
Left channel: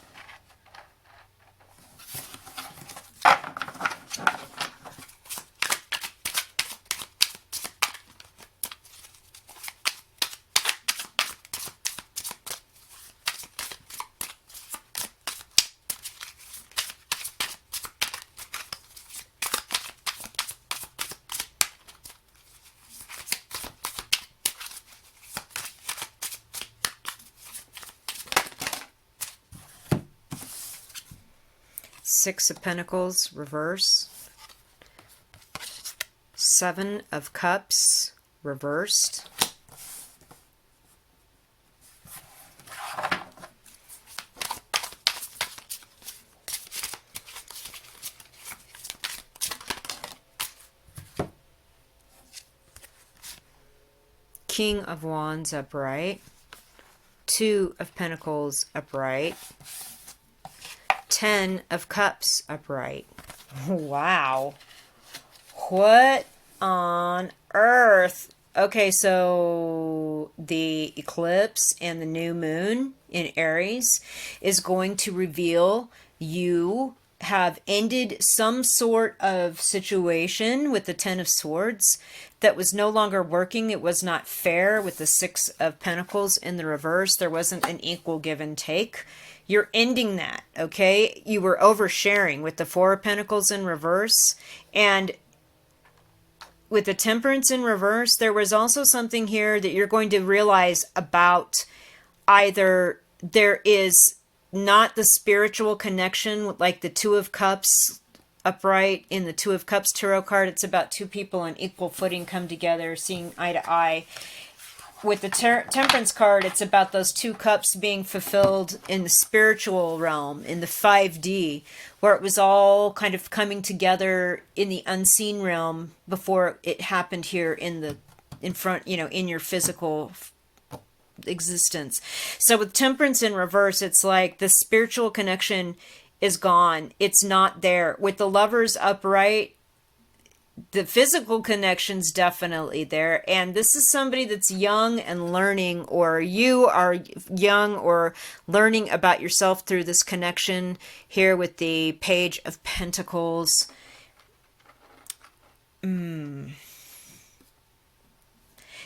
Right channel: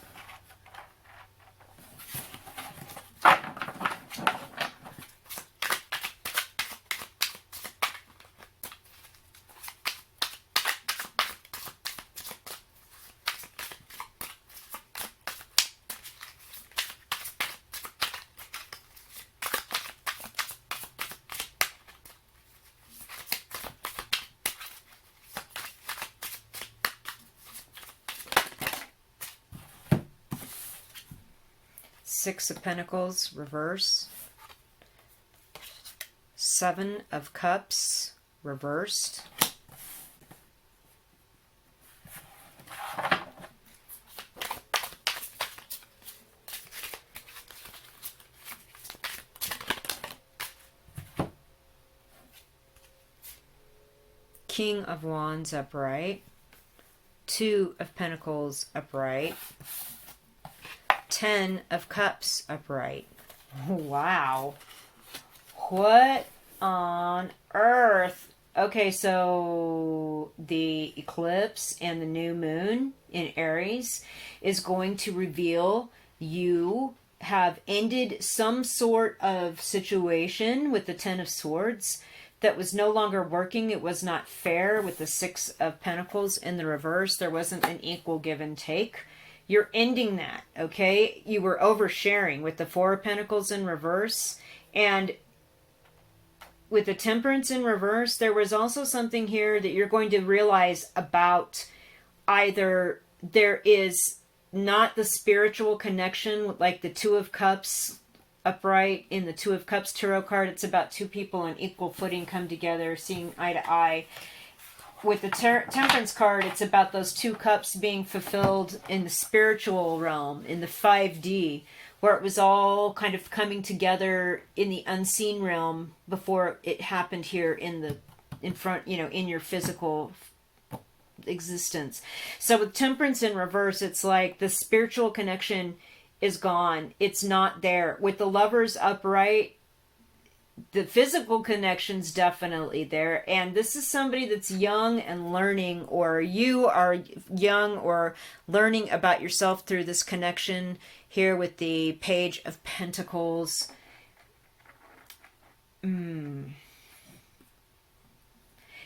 Six of Pentacles, reverse. Seven of Cups, reversed. King of Wands upright, Two of Pentacles upright, Ten of Cups upright. Wow. What on earth? Okay, so the eclipse and the new moon in Aries is going to reveal you have ended some sort of situation with the Ten of Swords that was no longer working. It was not fair with the Six of Pentacles in the reverse. There wasn't an equal give and take. You're ending that, okay? You were oversharing with the Four of Pentacles in reverse. And with the Temperance in reverse, there was also something here that you're going to realize about either there is not the spiritual connection, like the Two of Cups upright in the Two of Cups tarot card. It's about two people on equal footing come together, seeing eye to eye. With the Temperance card, it's about those two cups being fulfilled in the spiritual realm, in the 5D, where it was all kind of coming together in the unseen realm before it happened here in front, in your physical existence. So with Temperance in reverse, it's like the spiritual connection is gone. It's not there. With the Lovers upright, the physical connection's definitely there, and this is somebody that's young and learning, or you are young or learning about yourself through this connection here with the Page of Pentacles.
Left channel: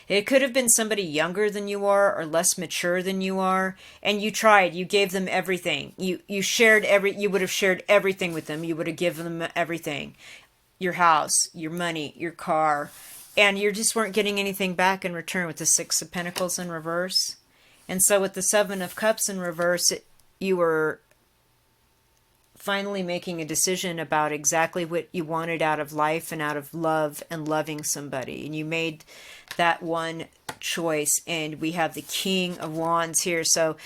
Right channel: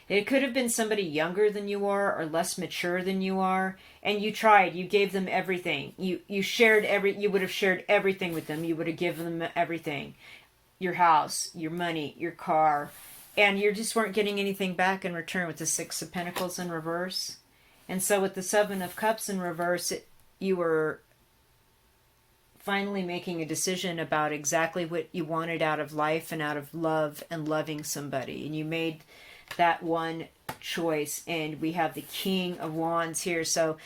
It could have been somebody younger than you are or less mature than you are, and you tried. You gave them everything. You would have shared everything with them. You would have given them everything. Your house, your money, your car, and you just weren't getting anything back in return with the Six of Pentacles in reverse. And so with the Seven of Cups in reverse, you were finally making a decision about exactly what you wanted out of life and out of love and loving somebody. And you made that one choice, and we have the King of Wands here. So,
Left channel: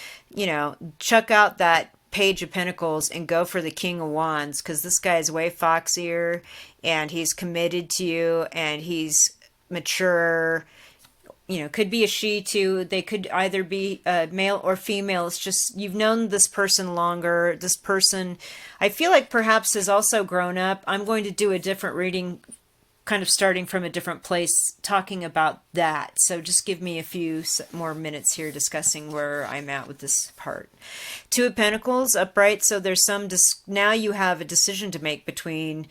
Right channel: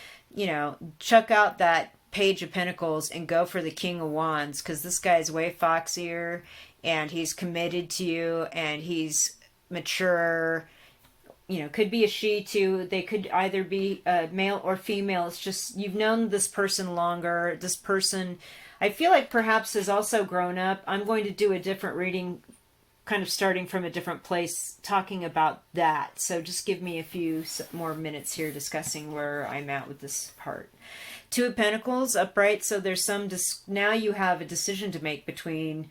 chuck out that Page of Pentacles and go for the King of Wands, because this guy is way foxier and he's committed to you and he's mature. Could be a she too. They could either be male or female. It's just you've known this person longer. This person, I feel like, perhaps has also grown up. I'm going to do a different reading, kind of starting from a different place, talking about that. So just give me a few more minutes here discussing where I'm at with this part. Two of Pentacles upright. So there's now you have a decision to make between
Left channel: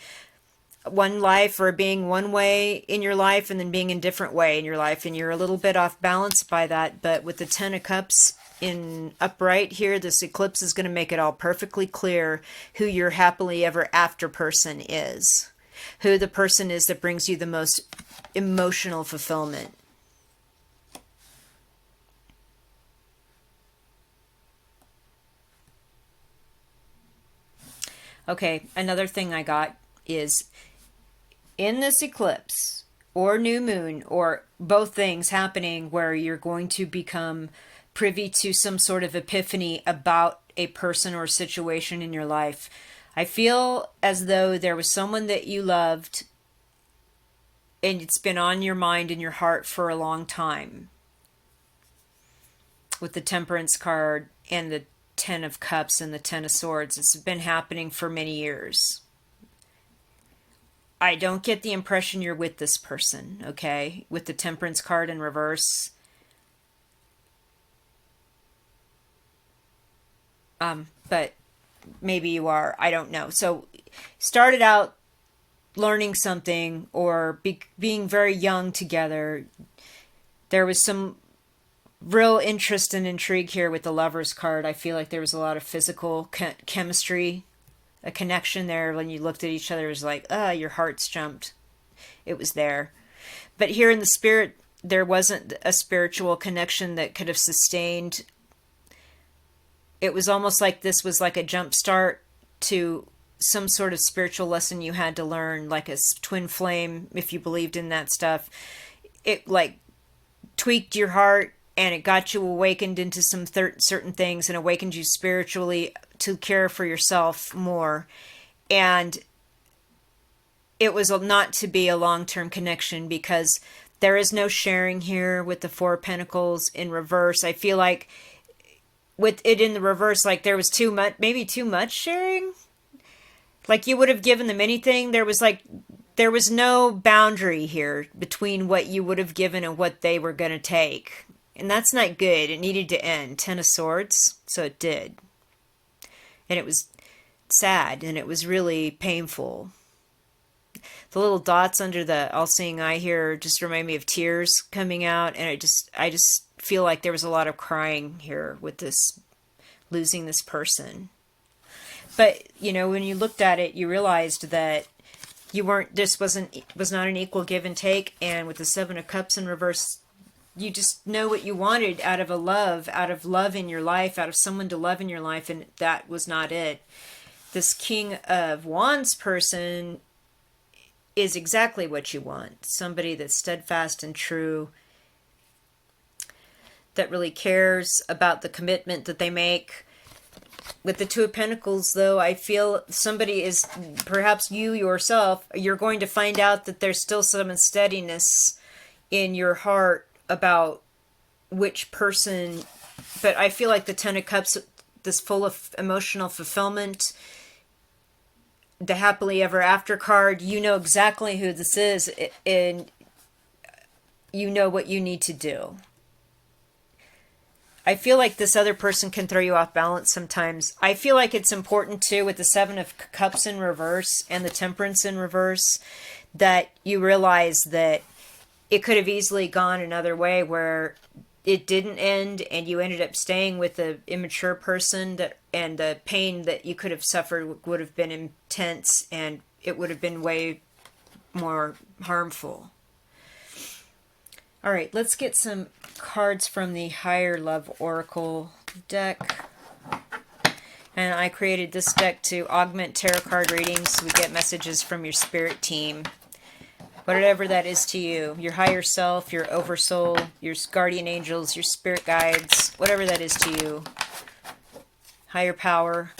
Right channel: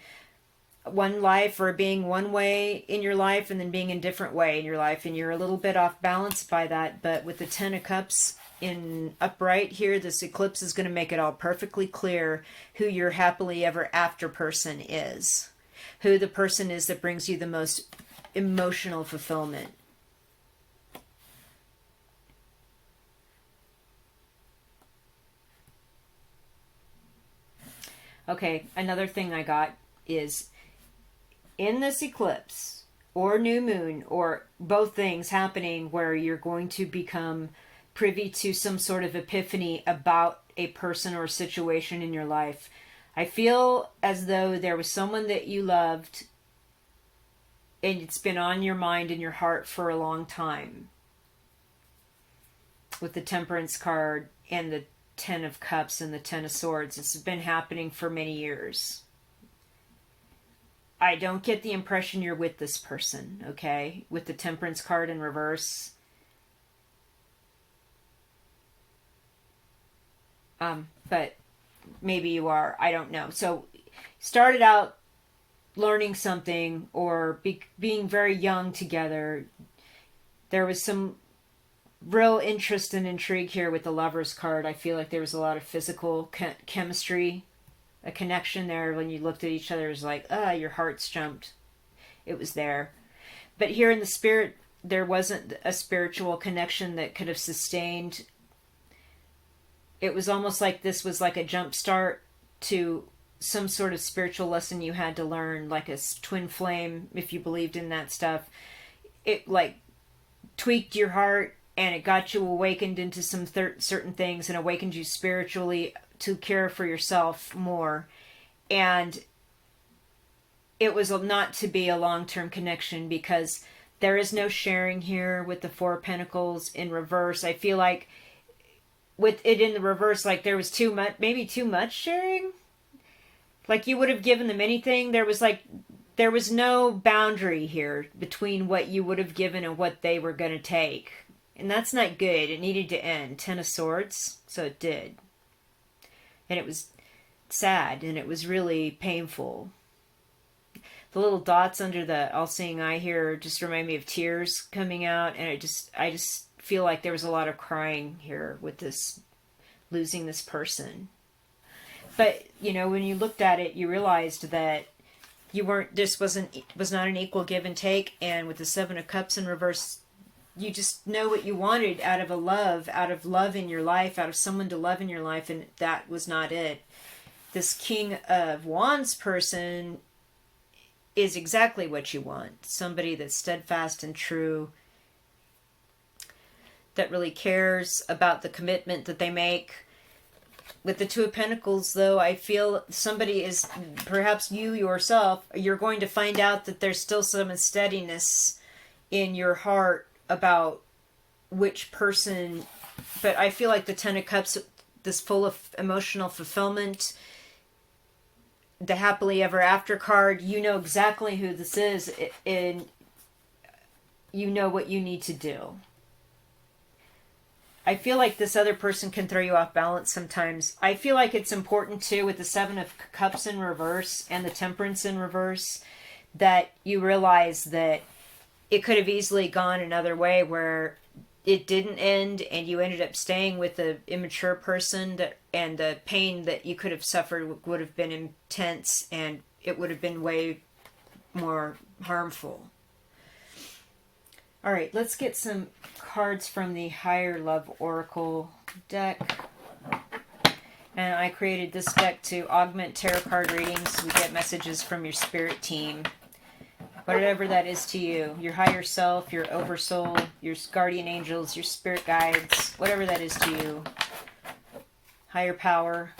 one life, or being one way in your life and then being a different way in your life, and you're a little bit off balance by that. But with the Ten of Cups in upright here, this eclipse is going to make it all perfectly clear who your happily ever after person is, who the person is that brings you the most emotional fulfillment. Okay, another thing I got is in this eclipse or new moon, or both things happening, where you're going to become privy to some sort of epiphany about a person or situation in your life. I feel as though there was someone that you loved and it's been on your mind and your heart for a long time. With the Temperance card and the Ten of Cups and the Ten of Swords, it's been happening for many years. I don't get the impression you're with this person, okay? With the Temperance card in reverse. But maybe you are. I don't know. So started out learning something, or being very young together. There was some real interest and intrigue here with the Lovers card. I feel like there was a lot of physical chemistry, a connection there. When you looked at each other, it was like, your hearts jumped. It was there. But here in the spirit, there wasn't a spiritual connection that could have sustained. It was almost like this was like a jump start to some sort of spiritual lesson you had to learn, like a twin flame, if you believed in that stuff. It like tweaked your heart, and it got you awakened into some certain things, and awakened you spiritually to care for yourself more. And it was not to be a long-term connection, because There is no sharing here with the Four of Pentacles in reverse. I feel like with it in the reverse, like there was too much, maybe too much sharing. Like you would have given them anything. There was no boundary here between what you would have given and what they were going to take. And that's not good. It needed to end. Ten of Swords. So it did. And it was sad and it was really painful. The little dots under the all-seeing eye here just remind me of tears coming out, and I just feel like there was a lot of crying here with this, losing this person. But, you know, when you looked at it, you realized that this was not an equal give and take, and with the Seven of Cups in reverse, you just know what you wanted out of love in your life, out of someone to love in your life, and that was not it. This King of Wands person is exactly what you want. Somebody that's steadfast and true, that really cares about the commitment that they make. With the Two of Pentacles, though, I feel somebody is, perhaps you yourself, you're going to find out that there's still some unsteadiness in your heart about which person, but I feel like the Ten of Cups, this full of emotional fulfillment, the happily ever after card, you know exactly who this is, and you know what you need to do. I feel like this other person can throw you off balance sometimes. I feel like it's important too, with the Seven of Cups in reverse and the Temperance in reverse, that you realize that it could have easily gone another way where it didn't end and you ended up staying with the immature person, and the pain that you could have suffered would have been intense and it would have been way more harmful. All right, let's get some cards from the Higher Love Oracle deck. And I created this deck to augment tarot card readings. We get messages from your spirit team. Whatever that is to you. Your higher self, your oversoul, your guardian angels, your spirit guides. Whatever that is to you. Higher power.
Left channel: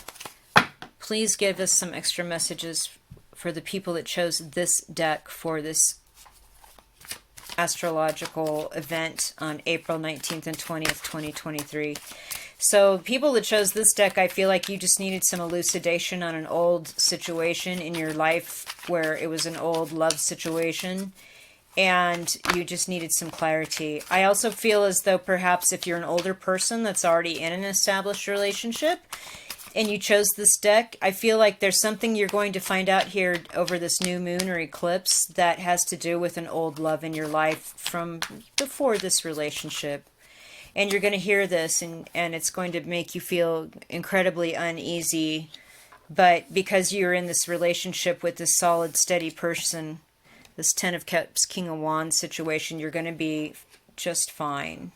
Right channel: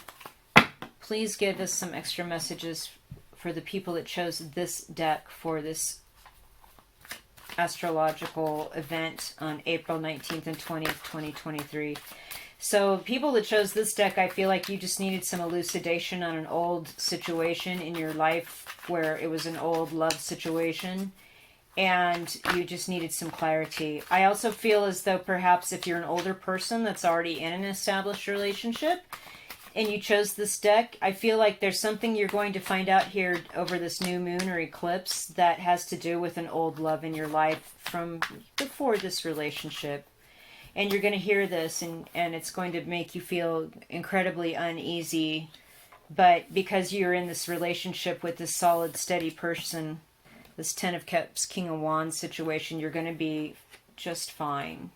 Please give us some extra messages for the people that chose this deck for this astrological event on April 19th and 20th, 2023. So people that chose this deck, I feel like you just needed some elucidation on an old situation in your life where it was an old love situation and you just needed some clarity. I also feel as though perhaps if you're an older person that's already in an established relationship and you chose this deck, I feel like there's something you're going to find out here over this new moon or eclipse that has to do with an old love in your life from before this relationship. And you're going to hear this and it's going to make you feel incredibly uneasy. But because you're in this relationship with this solid, steady person, this Ten of Cups, King of Wands situation, you're going to be just fine.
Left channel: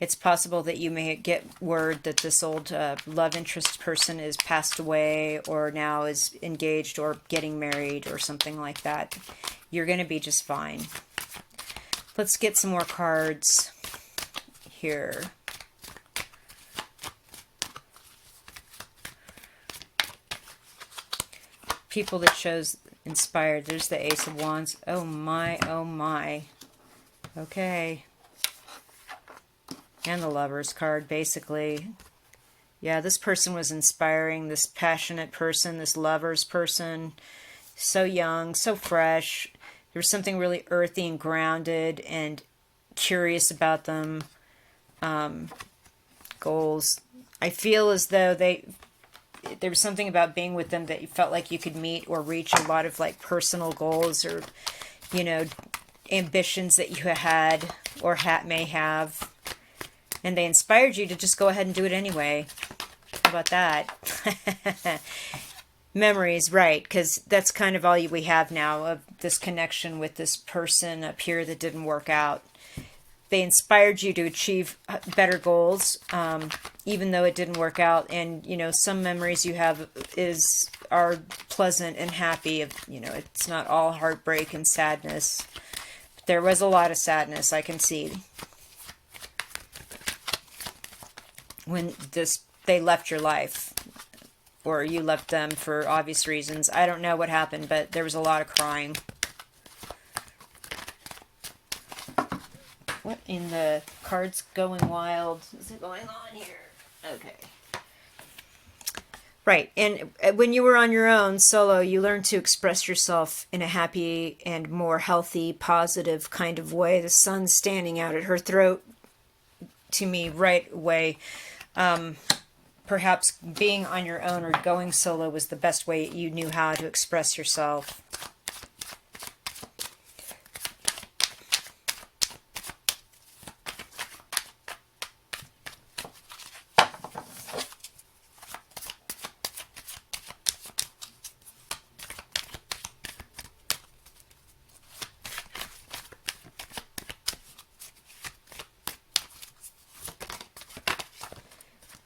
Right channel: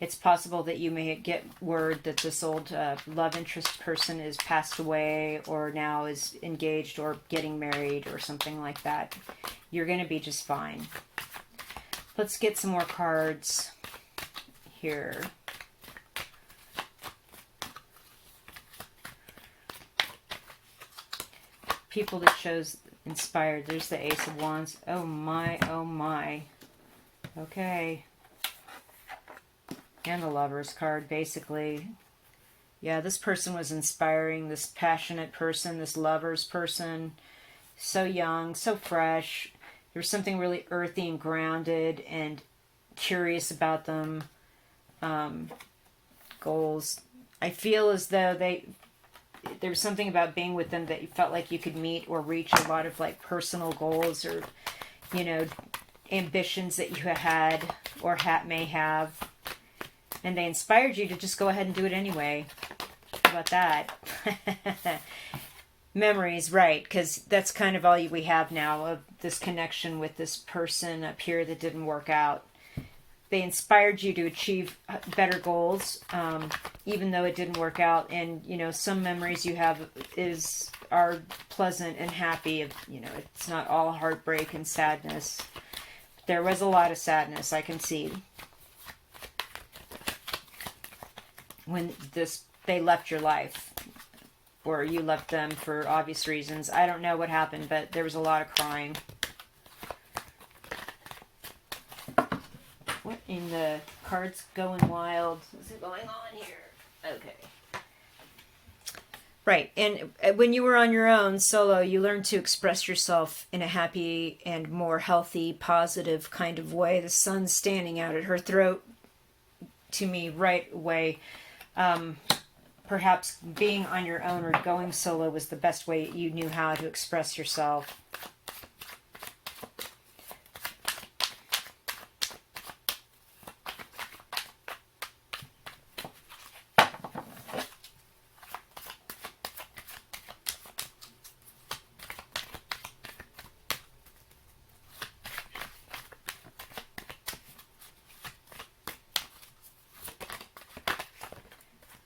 It's possible that you may get word that this old love interest person is passed away or now is engaged or getting married or something like that. You're going to be just fine. Let's get some more cards here. People that chose inspired. There's the Ace of Wands. Oh my, oh my. Okay. And the Lover's card, basically. Yeah, this person was inspiring, this passionate person, this Lover's person. So young, so fresh. There's something really earthy and grounded and curious about them. Goals. I feel as though there was something about being with them that you felt like you could meet or reach a lot of like personal goals or, you know, ambitions that you had or may have. And they inspired you to just go ahead and do it anyway. How about that? Memories, right, because that's kind of all we have now of this connection with this person up here that didn't work out. They inspired you to achieve better goals, even though it didn't work out. And, you know, some memories you have are pleasant and happy. You know, it's not all heartbreak and sadness. But there was a lot of sadness, I can see. When they left your life, or you left them for obvious reasons. I don't know what happened, but there was a lot of crying. What in the cards going wild is going on here? Okay. Right, and when you were on your own, solo, you learned to express yourself in a happy and more healthy, positive kind of way. The sun's standing out at her throat to me right away. Perhaps being on your own or going solo was the best way you knew how to express yourself.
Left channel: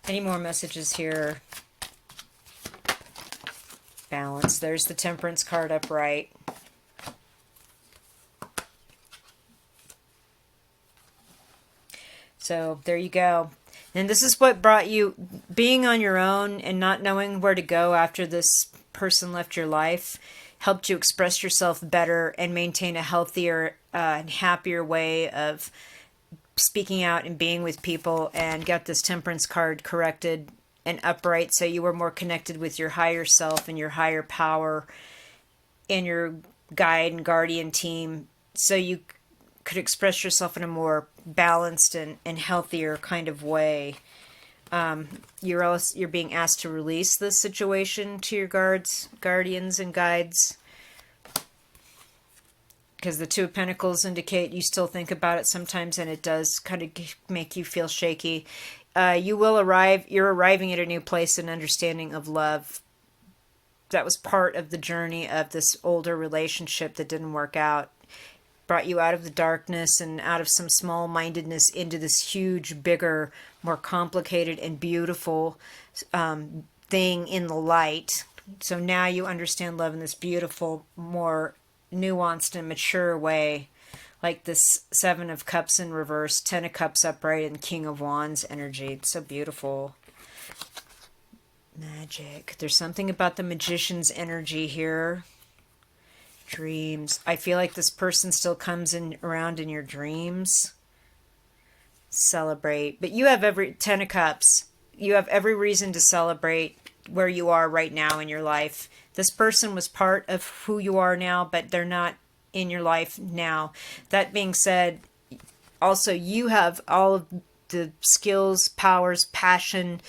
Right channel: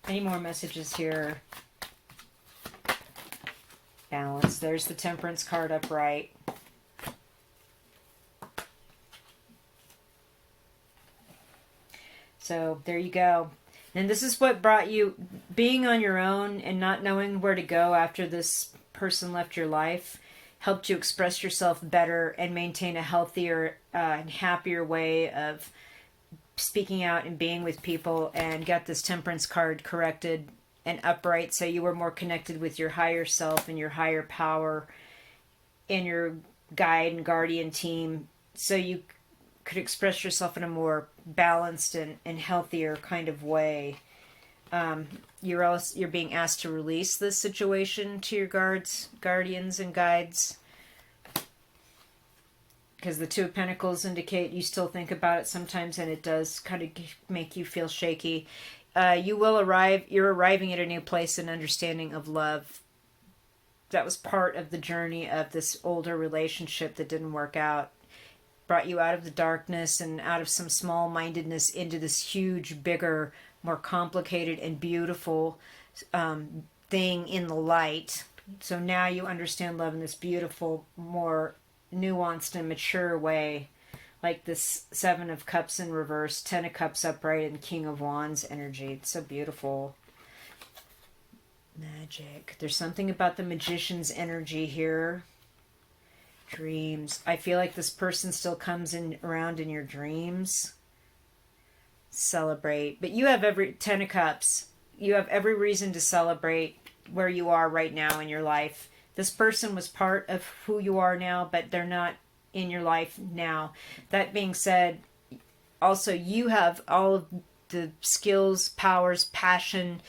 Any more messages here? Balance. There's the Temperance card upright. So there you go. And this is what brought you, being on your own and not knowing where to go after this person left your life, helped you express yourself better and maintain a healthier and happier way of speaking out and being with people, and got this Temperance card corrected and upright, so you were more connected with your higher self and your higher power and your guide and guardian team, so you could express yourself in a more balanced and healthier kind of way. You're being asked to release this situation to your guardians and guides, because the Two of Pentacles indicate you still think about it sometimes, and it does kind of make you feel shaky. You're arriving at a new place and understanding of love. That was part of the journey of this older relationship that didn't work out. Brought you out of the darkness and out of some small-mindedness into this huge, bigger, more complicated and beautiful thing in the light. So now you understand love in this beautiful, more nuanced and mature way, like this Seven of Cups in reverse, Ten of Cups upright, and King of Wands energy. It's so beautiful. Magic. There's something about the Magician's energy here. Dreams. I feel like this person still comes around in your dreams. Celebrate. But you have Ten of Cups. You have every reason to celebrate where you are right now in your life. This person was part of who you are now, but they're not in your life now. That being said, also you have all of the skills, powers, passion,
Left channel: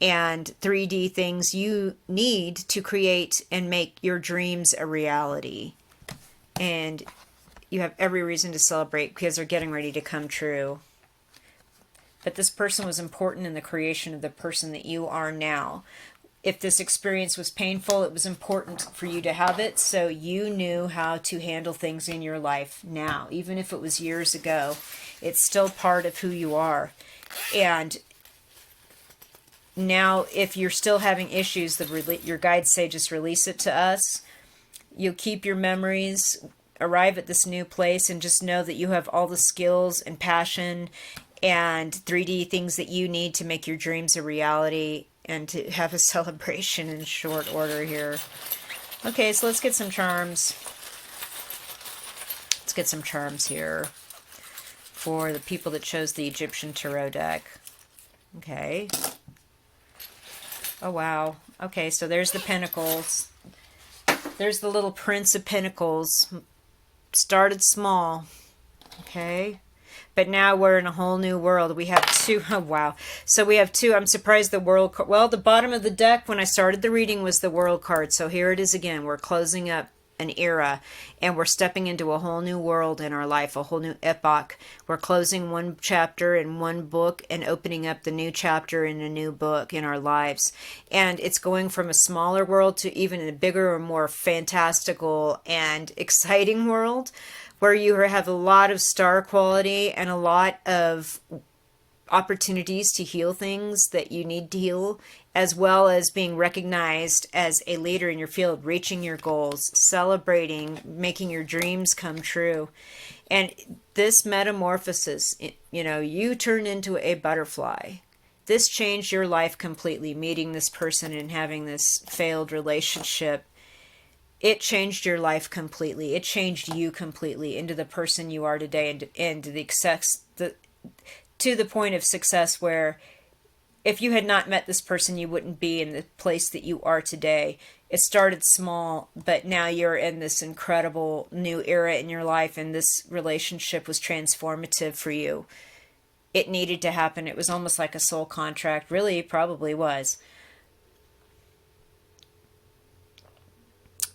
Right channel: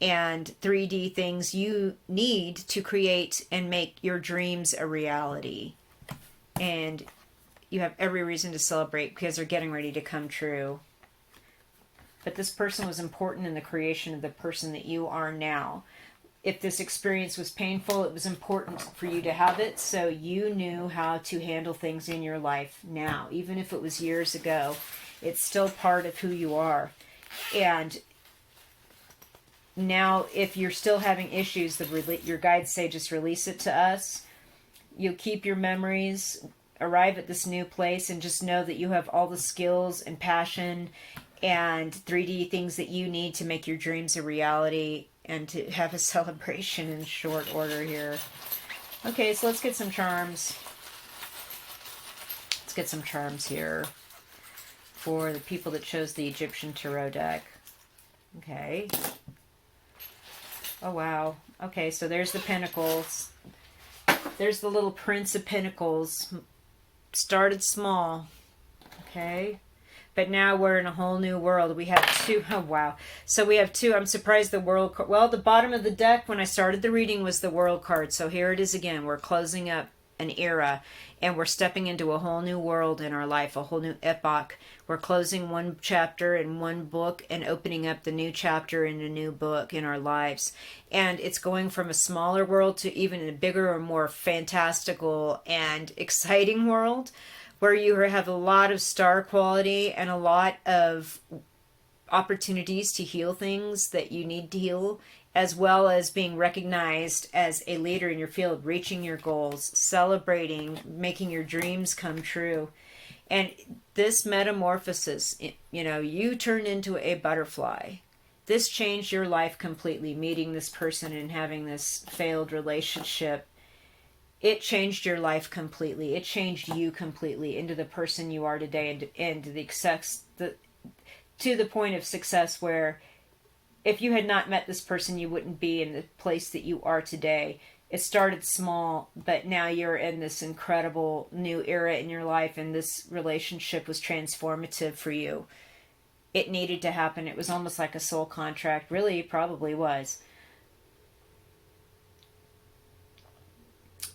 and 3D things you need to create and make your dreams a reality. And you have every reason to celebrate because they're getting ready to come true. But this person was important in the creation of the person that you are now. If this experience was painful, it was important for you to have it, so you knew how to handle things in your life now. Even if it was years ago, it's still part of who you are. And now, if you're still having issues, your guides say just release it to us. You'll keep your memories, arrive at this new place, and just know that you have all the skills and passion and 3D things that you need to make your dreams a reality and to have a celebration in short order here. Okay, so let's get some charms. Let's get some charms here for the people that chose the Egyptian Tarot deck. Okay. Oh, wow. Okay, so there's the Pentacles. There's the little Prince of Pentacles. Started small. Okay. But now we're in a whole new world. We have two. Oh, wow. So we have two. I'm surprised the World card. Well, the bottom of the deck when I started the reading was the World card. So here it is again. We're closing up an era. And we're stepping into a whole new world in our life. A whole new epoch. We're closing one chapter in one book and opening up the new chapter in a new book in our lives. And it's going from a smaller world to even a bigger or more fantastical and exciting world, where you have a lot of star quality and a lot of opportunities to heal things that you need to heal, as well as being recognized as a leader in your field, reaching your goals, celebrating, making your dreams come true. And this metamorphosis, you turned into a butterfly. This changed your life completely, meeting this person and having this failed relationship. It changed your life completely. It changed you completely into the person you are today and the to the point of success where if you had not met this person, you wouldn't be in the place that you are today. It started small, but now you're in this incredible new era in your life, and this relationship was transformative for you. It needed to happen. It was almost like a soul contract. Really, probably was.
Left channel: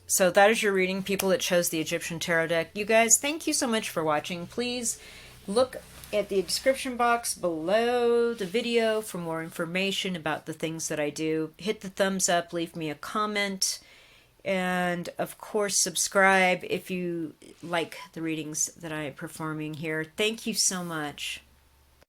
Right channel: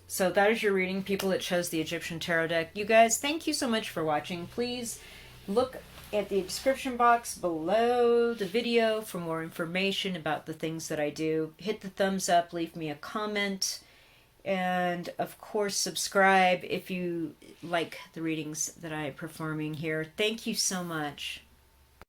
So that is your reading, people that chose the Egyptian Tarot deck. You guys, thank you so much for watching. Please look at the description box below the video for more information about the things that I do. Hit the thumbs up, leave me a comment, and of course subscribe if you like the readings that I am performing here. Thank you so much.